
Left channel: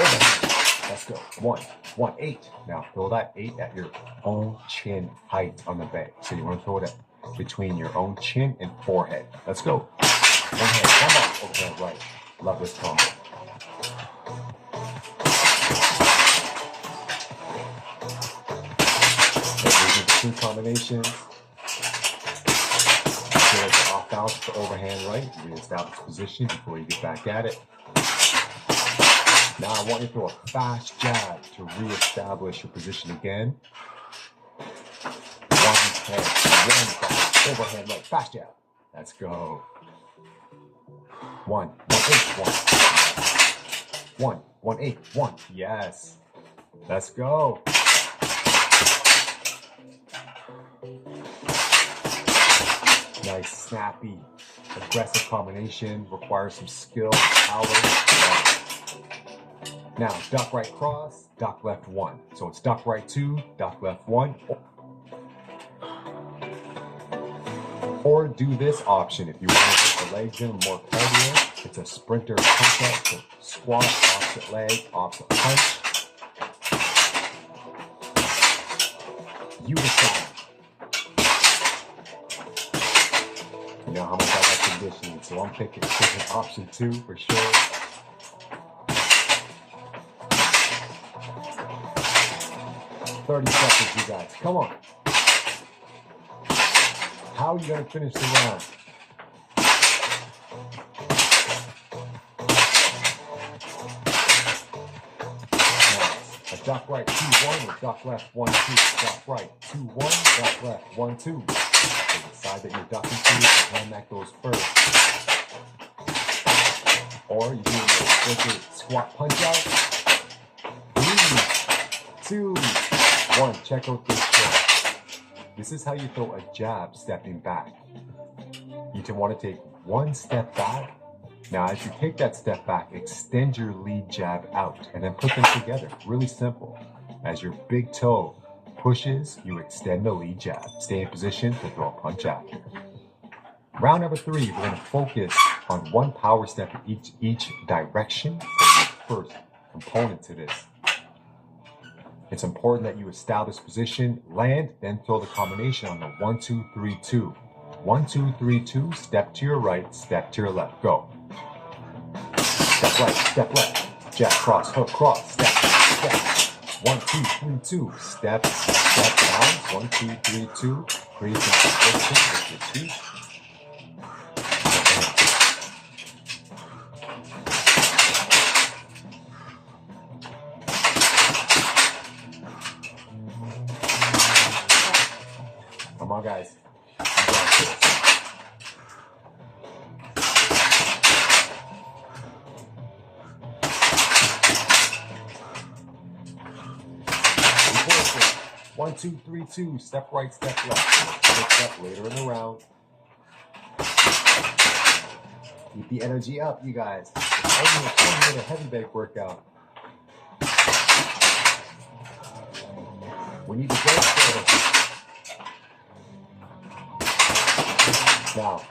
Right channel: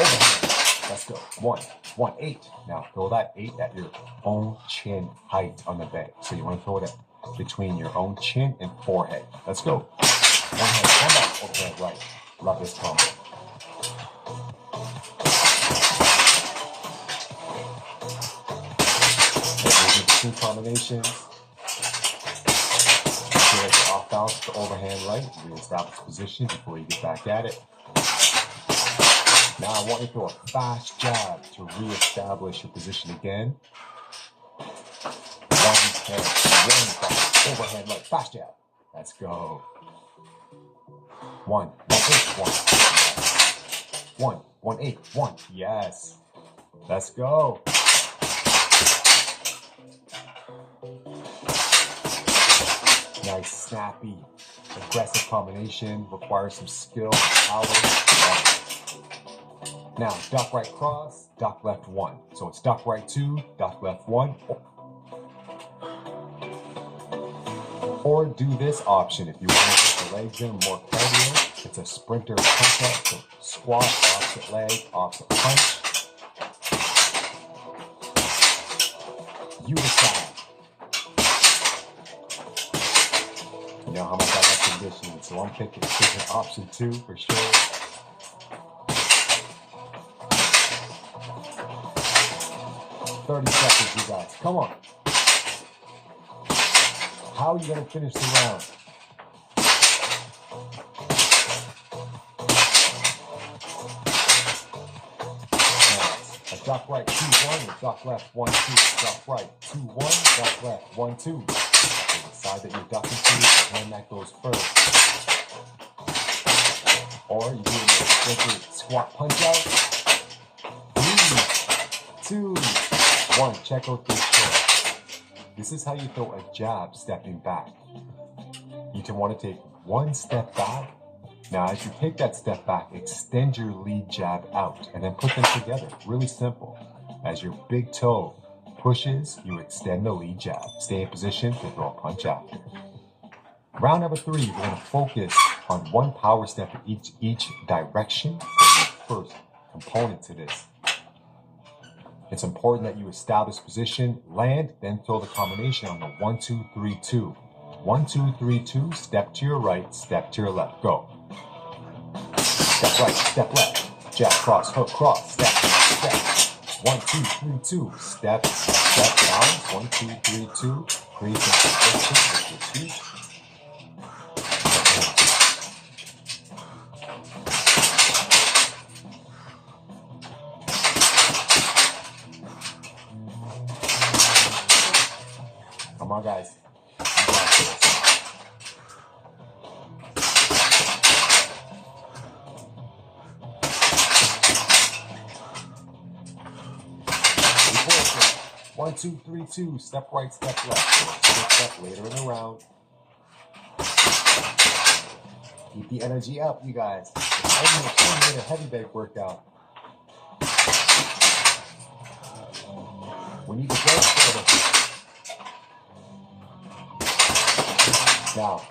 overhand. Let's go. 1, 1, 8. Now, throw that 8 at your own chin height on the bag. So you want to throw it at between your own chin and forehead. Let's go. One head, one body, overhand right. Love this combo. Two combinations. Feel like you're off balance with the overhand right. Reestablish position before you get back at it. Now I want you to throw a fast jab to reestablish your position again. 1 head, 1 back, overhand right, fast jab. Let's go. 1, 1, 8, 1. 1, 1, 8, 1. Yes. Let's go. Nice, snappy, aggressive combination. Requires some skill, power. Now, duck right cross, duck left 1. So it's duck right 2, duck left 1. Or do this option if you want to get the legs in more cardio. It's a sprinter punch up, so squat, opposite leg, opposite punch. You decide. You know how much I like conditioning, so I'm picking option 2 for sure. $30 you guys. Come on. How are you going to finish the round? Nice. A duck right 2-1 or duck left 1-2. Duck right 2-1, duck left 1-2. So the side that you're ducking to, the hand that goes first. Or you do a squat punch out. 3, 2, 1. Check out this shot. This is how you throw a jab stepping back. You want to take 1 step back. Now, as you take that step back, extend your lead jab out and then put them together. Really simple. As your big toe pushes, you extend the lead jab. Stay in position to throw a punch after. Round number 3, we're going to focus on one power step in each direction for your first component to this. It's important that you establish position, land, then throw the combination on the 1, 2, 3, 2. 1, 2, 3, 2, step to your right, step to your left, go. Step right, step left, jab, cross, hook, cross, step, step. 1, 2, 3, 2, step, step, balance, 1, 2, 3, 2, create some position with your feet. Come on, guys. You got this. Keep working. 1, 2, 3, 2. Step right, step left. Step later in the round. Keep the energy up, you guys. It's only a 20-minute heavy bag workout. We need to go further. Now,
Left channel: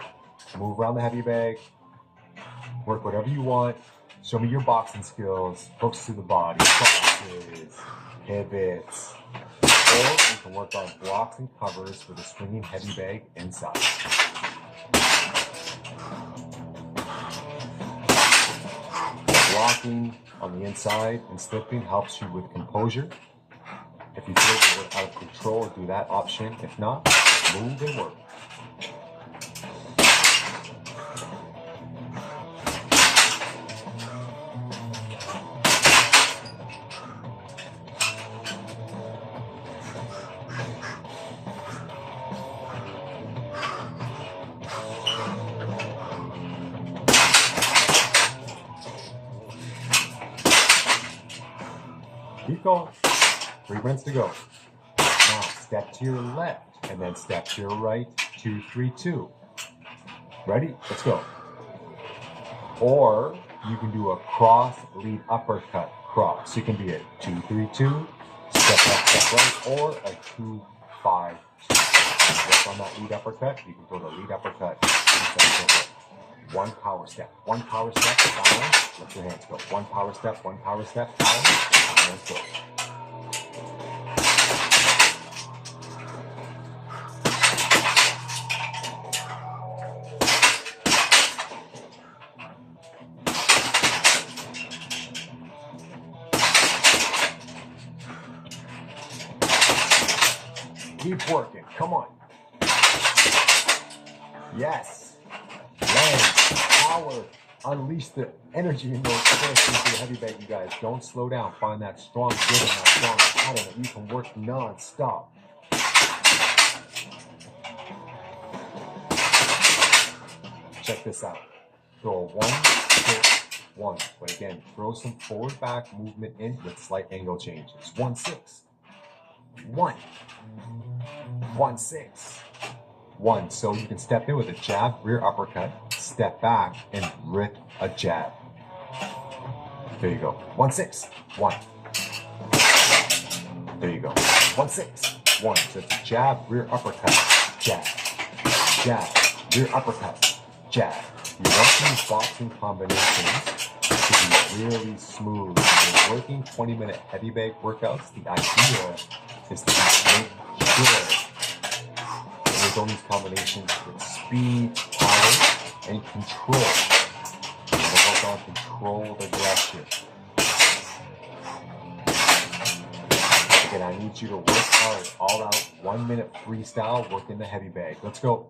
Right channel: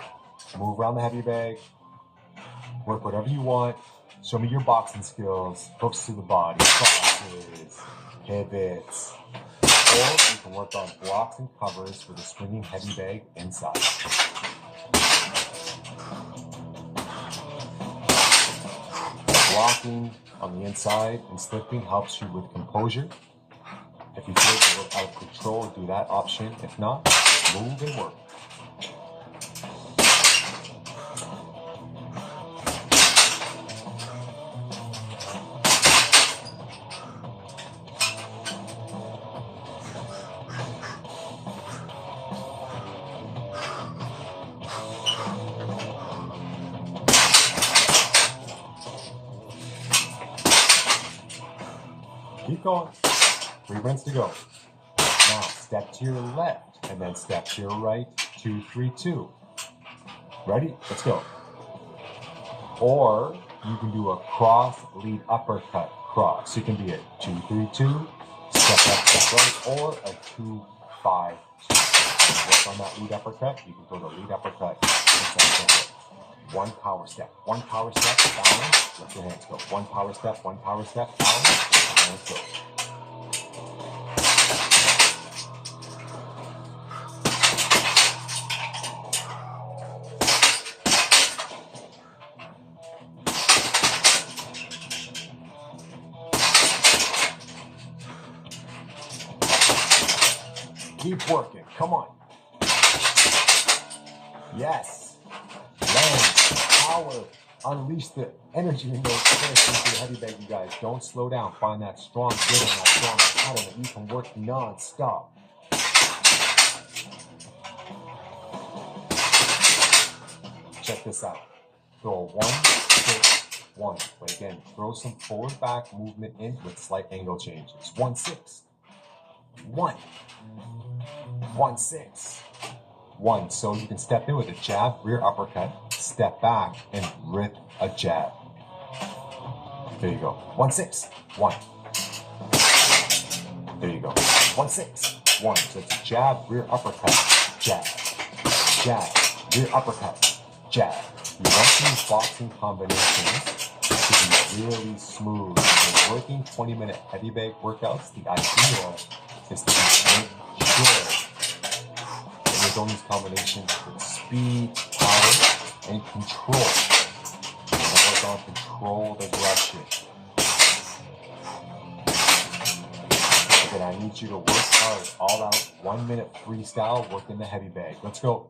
move around the heavy bag, work whatever you want. Show me your boxing skills, hooks to the body, crosses, pivots. Or you can work on blocks and covers with a swinging heavy bag inside. Blocking on the inside and slipping helps you with composure. If you feel you're out of control, do that option. If not, move and work. Keep going. 3 minutes to go. Now, step to your left, and then step to your right. 2, 3, 2. Ready? Let's go. Or you can do a cross lead uppercut cross. So you can be a 2, 3, 2, step left, step right, or a 2, 5, 2. Work on that lead uppercut. You can throw the lead uppercut. One power step, balance, let your hands go. One power step, balance, hands go. Keep working, come on. Yes. Land, power, unleash the energy in those fists into the heavy bag, you guys. Don't slow down. Find that strong rhythm, that strong pattern that you can work non-stop. Check this out. Throw 1, 6, 1. But again, throw some forward back movement in with slight angle changes. 1, 6, 1, 1, 6. 1, so you can step in with a jab, rear uppercut, step back, and rip a jab. There you go. 1, 6, 1. There you go. 1, 6, 1. So it's a jab, rear uppercut, jab, jab, rear uppercut, jab. You want these boxing combinations to be really smooth. When you're working 20-minute heavy bag workouts, the idea is to make sure on these combinations with speed, power, and control. You want to work on controlled aggression. Again, I need you to work hard, all out, 1 minute freestyle, work in the heavy bag. Let's go.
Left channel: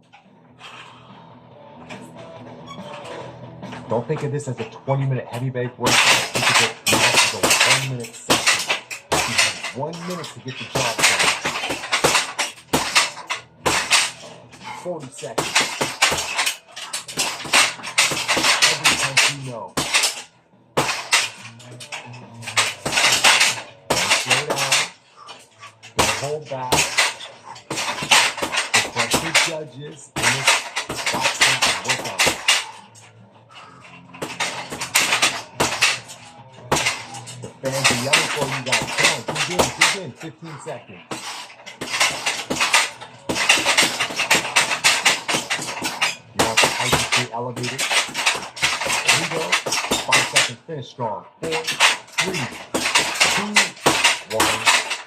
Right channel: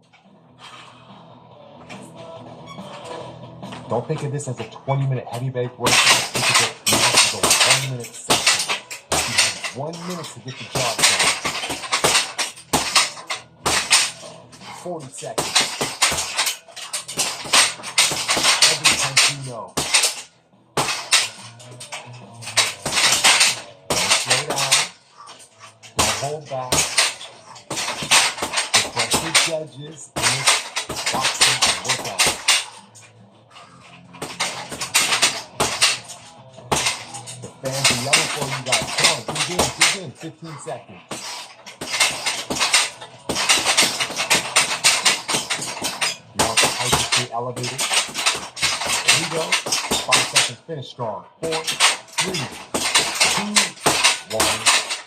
Don't think of this as a 20-minute heavy bag workout. Think of it now as a 1 minute session. You have 1 minute to get the job done. 40 seconds. Every time you know. Don't slow down. Don't hold back. The pressure judges in this boxing workout. The fans are yelling for you guys. Come on, dig in. 15 seconds. Height to stay elevated. Here we go. 5 seconds. Finish strong. 4, 3, 2, 1,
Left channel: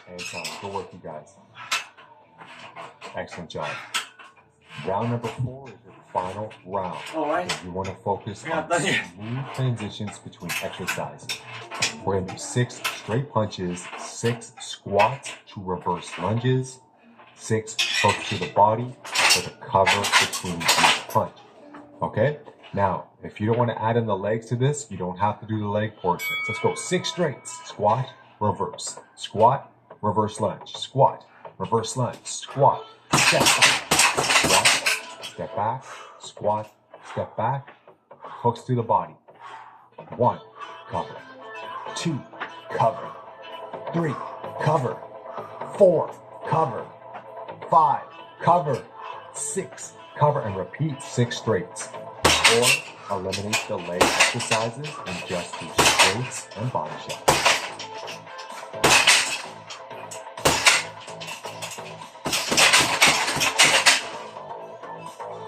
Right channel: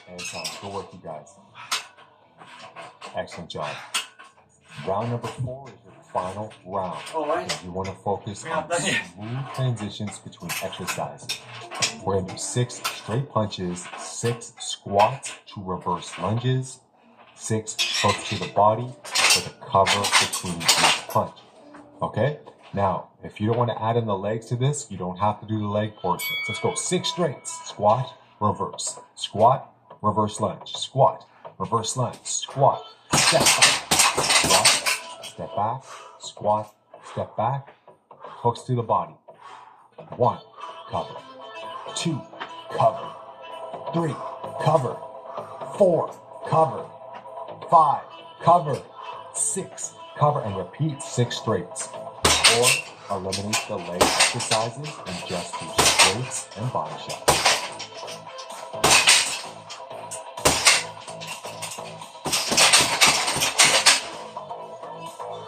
and time. Good work, you guys. Excellent job. Round number 4 is your final round. All right. You want to focus We're not on done yet. smooth transitions between exercises. We're going to do 6 straight punches, 6 squats, 2 reverse lunges, 6 hooks to the body with a cover between each punch. Okay? Now, if you don't want to add in the legs to this, you don't have to do the leg portions. Let's go 6 straights. Squat, reverse. Squat, reverse lunge. Squat, reverse lunge. Squat, step back. Squat, step back. Squat, step back. Hooks to the body. 1, cover. 2, cover. 3, cover. 4, cover. 5, cover. 6, cover, and repeat 6 straights. Or eliminate the leg exercises and just do straights and body shots.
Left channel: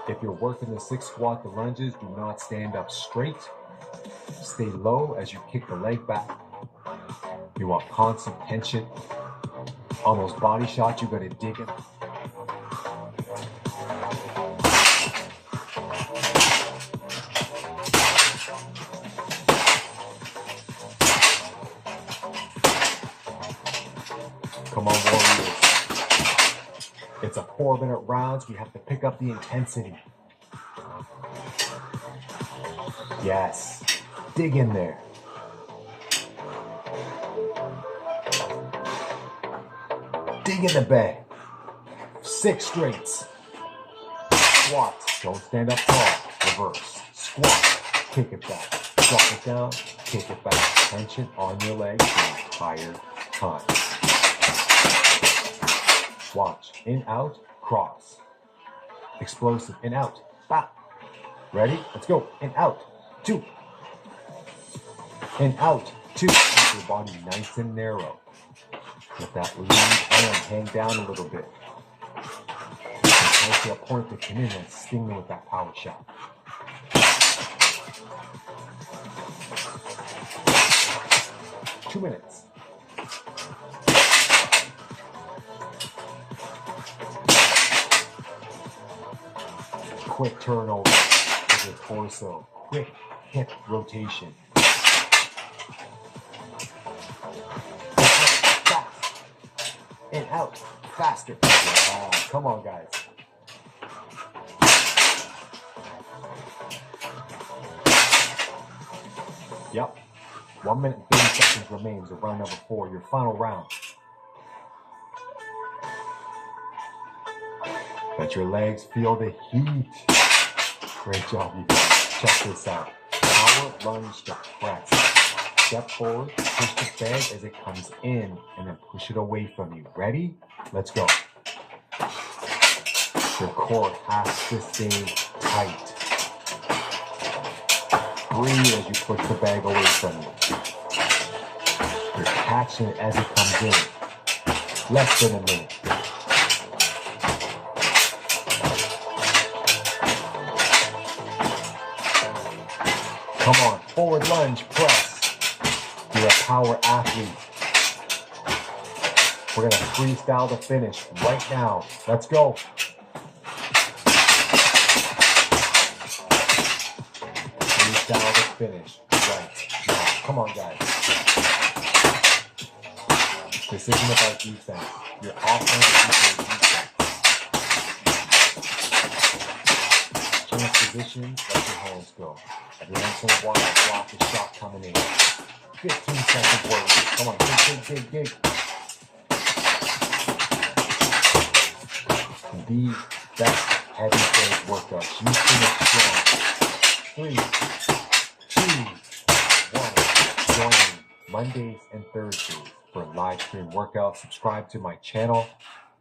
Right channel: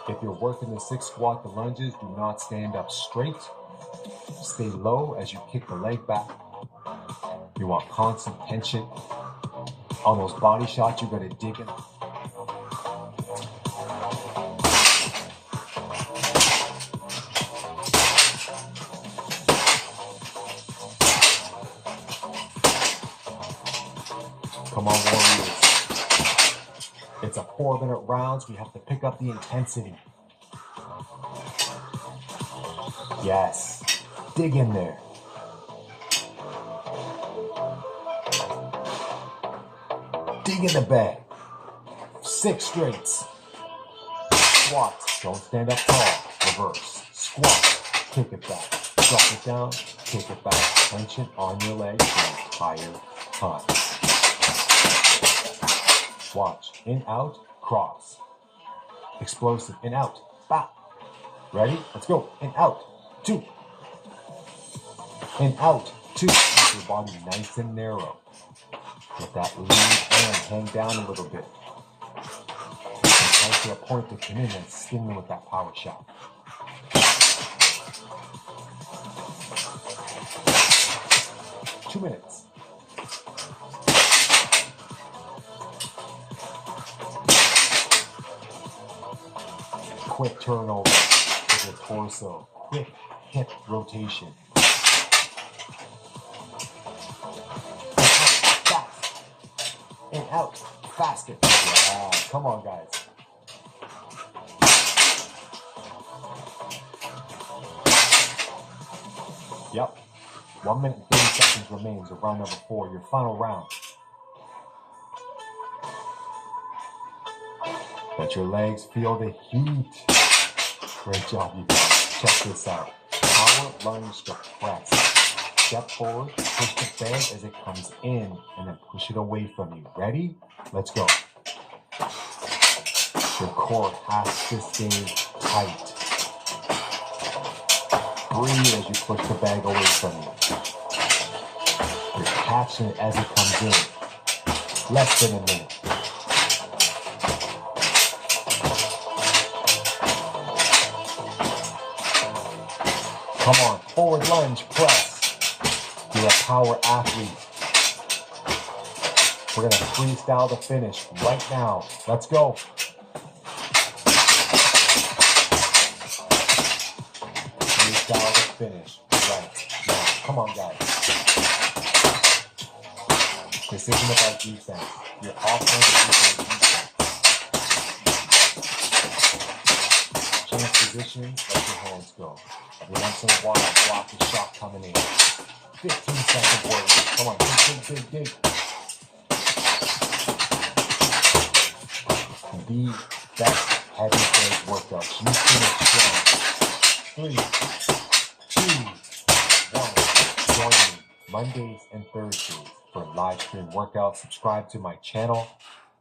If you're working the 6 squat, the lunges, do not stand up straight. Stay low as you kick the leg back. You want constant tension. On those body shots, you gotta dig in. Come on, warriors. It's a 4-minute rounds. We have to pick up the intensity. Yes. Dig in there. Dig in the bag. 6 straights. Squats. Don't stand up tall. Reverse. Squat. Kick it back. Drop it down. Kick it back. Tension on your legs the entire time. Watch. In, out, cross. Explosive. In, out. Bop. Ready? Let's go. In, out. 2. In, out. 2. Keep your body nice and narrow. Let that lead hand hang down a little bit. Entice your opponent to come in and sting them with that power shot. Two minutes. Quick turnover with your torso. Quick hip rotation. Fast. In, out. Faster. Yeah. Come on, guys. Yep. 1 minute and 30 seconds remains of round number 4, your final round. Let your legs feel the heat. Great job, you guys. Check this out. Power lunge to press. Step forward, push the bag as it comes in, and then push it away from you. Ready? Let's go. Your core has to stay tight. Breathe as you push the bag away from you. You're catching it as it comes in. Less than a minute. Come on, forward lunge, press. You're a power athlete. We're gonna freestyle the finish right now. Let's go. Freestyle the finish right now. Come on, guys. This isn't about defense. Your offense is your defense. Change positions, let your hands go. Every once in a while, block the shot coming in. 15-second warrior. Come on, dig. The best heavy bag workouts. You finish strong. 3, 2, 1. Join me Mondays and Thursdays for live stream workouts. Subscribe to my channel.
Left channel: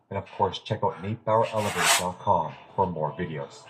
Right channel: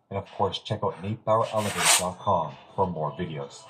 And of course, check out NateBauerElevator.com for more videos.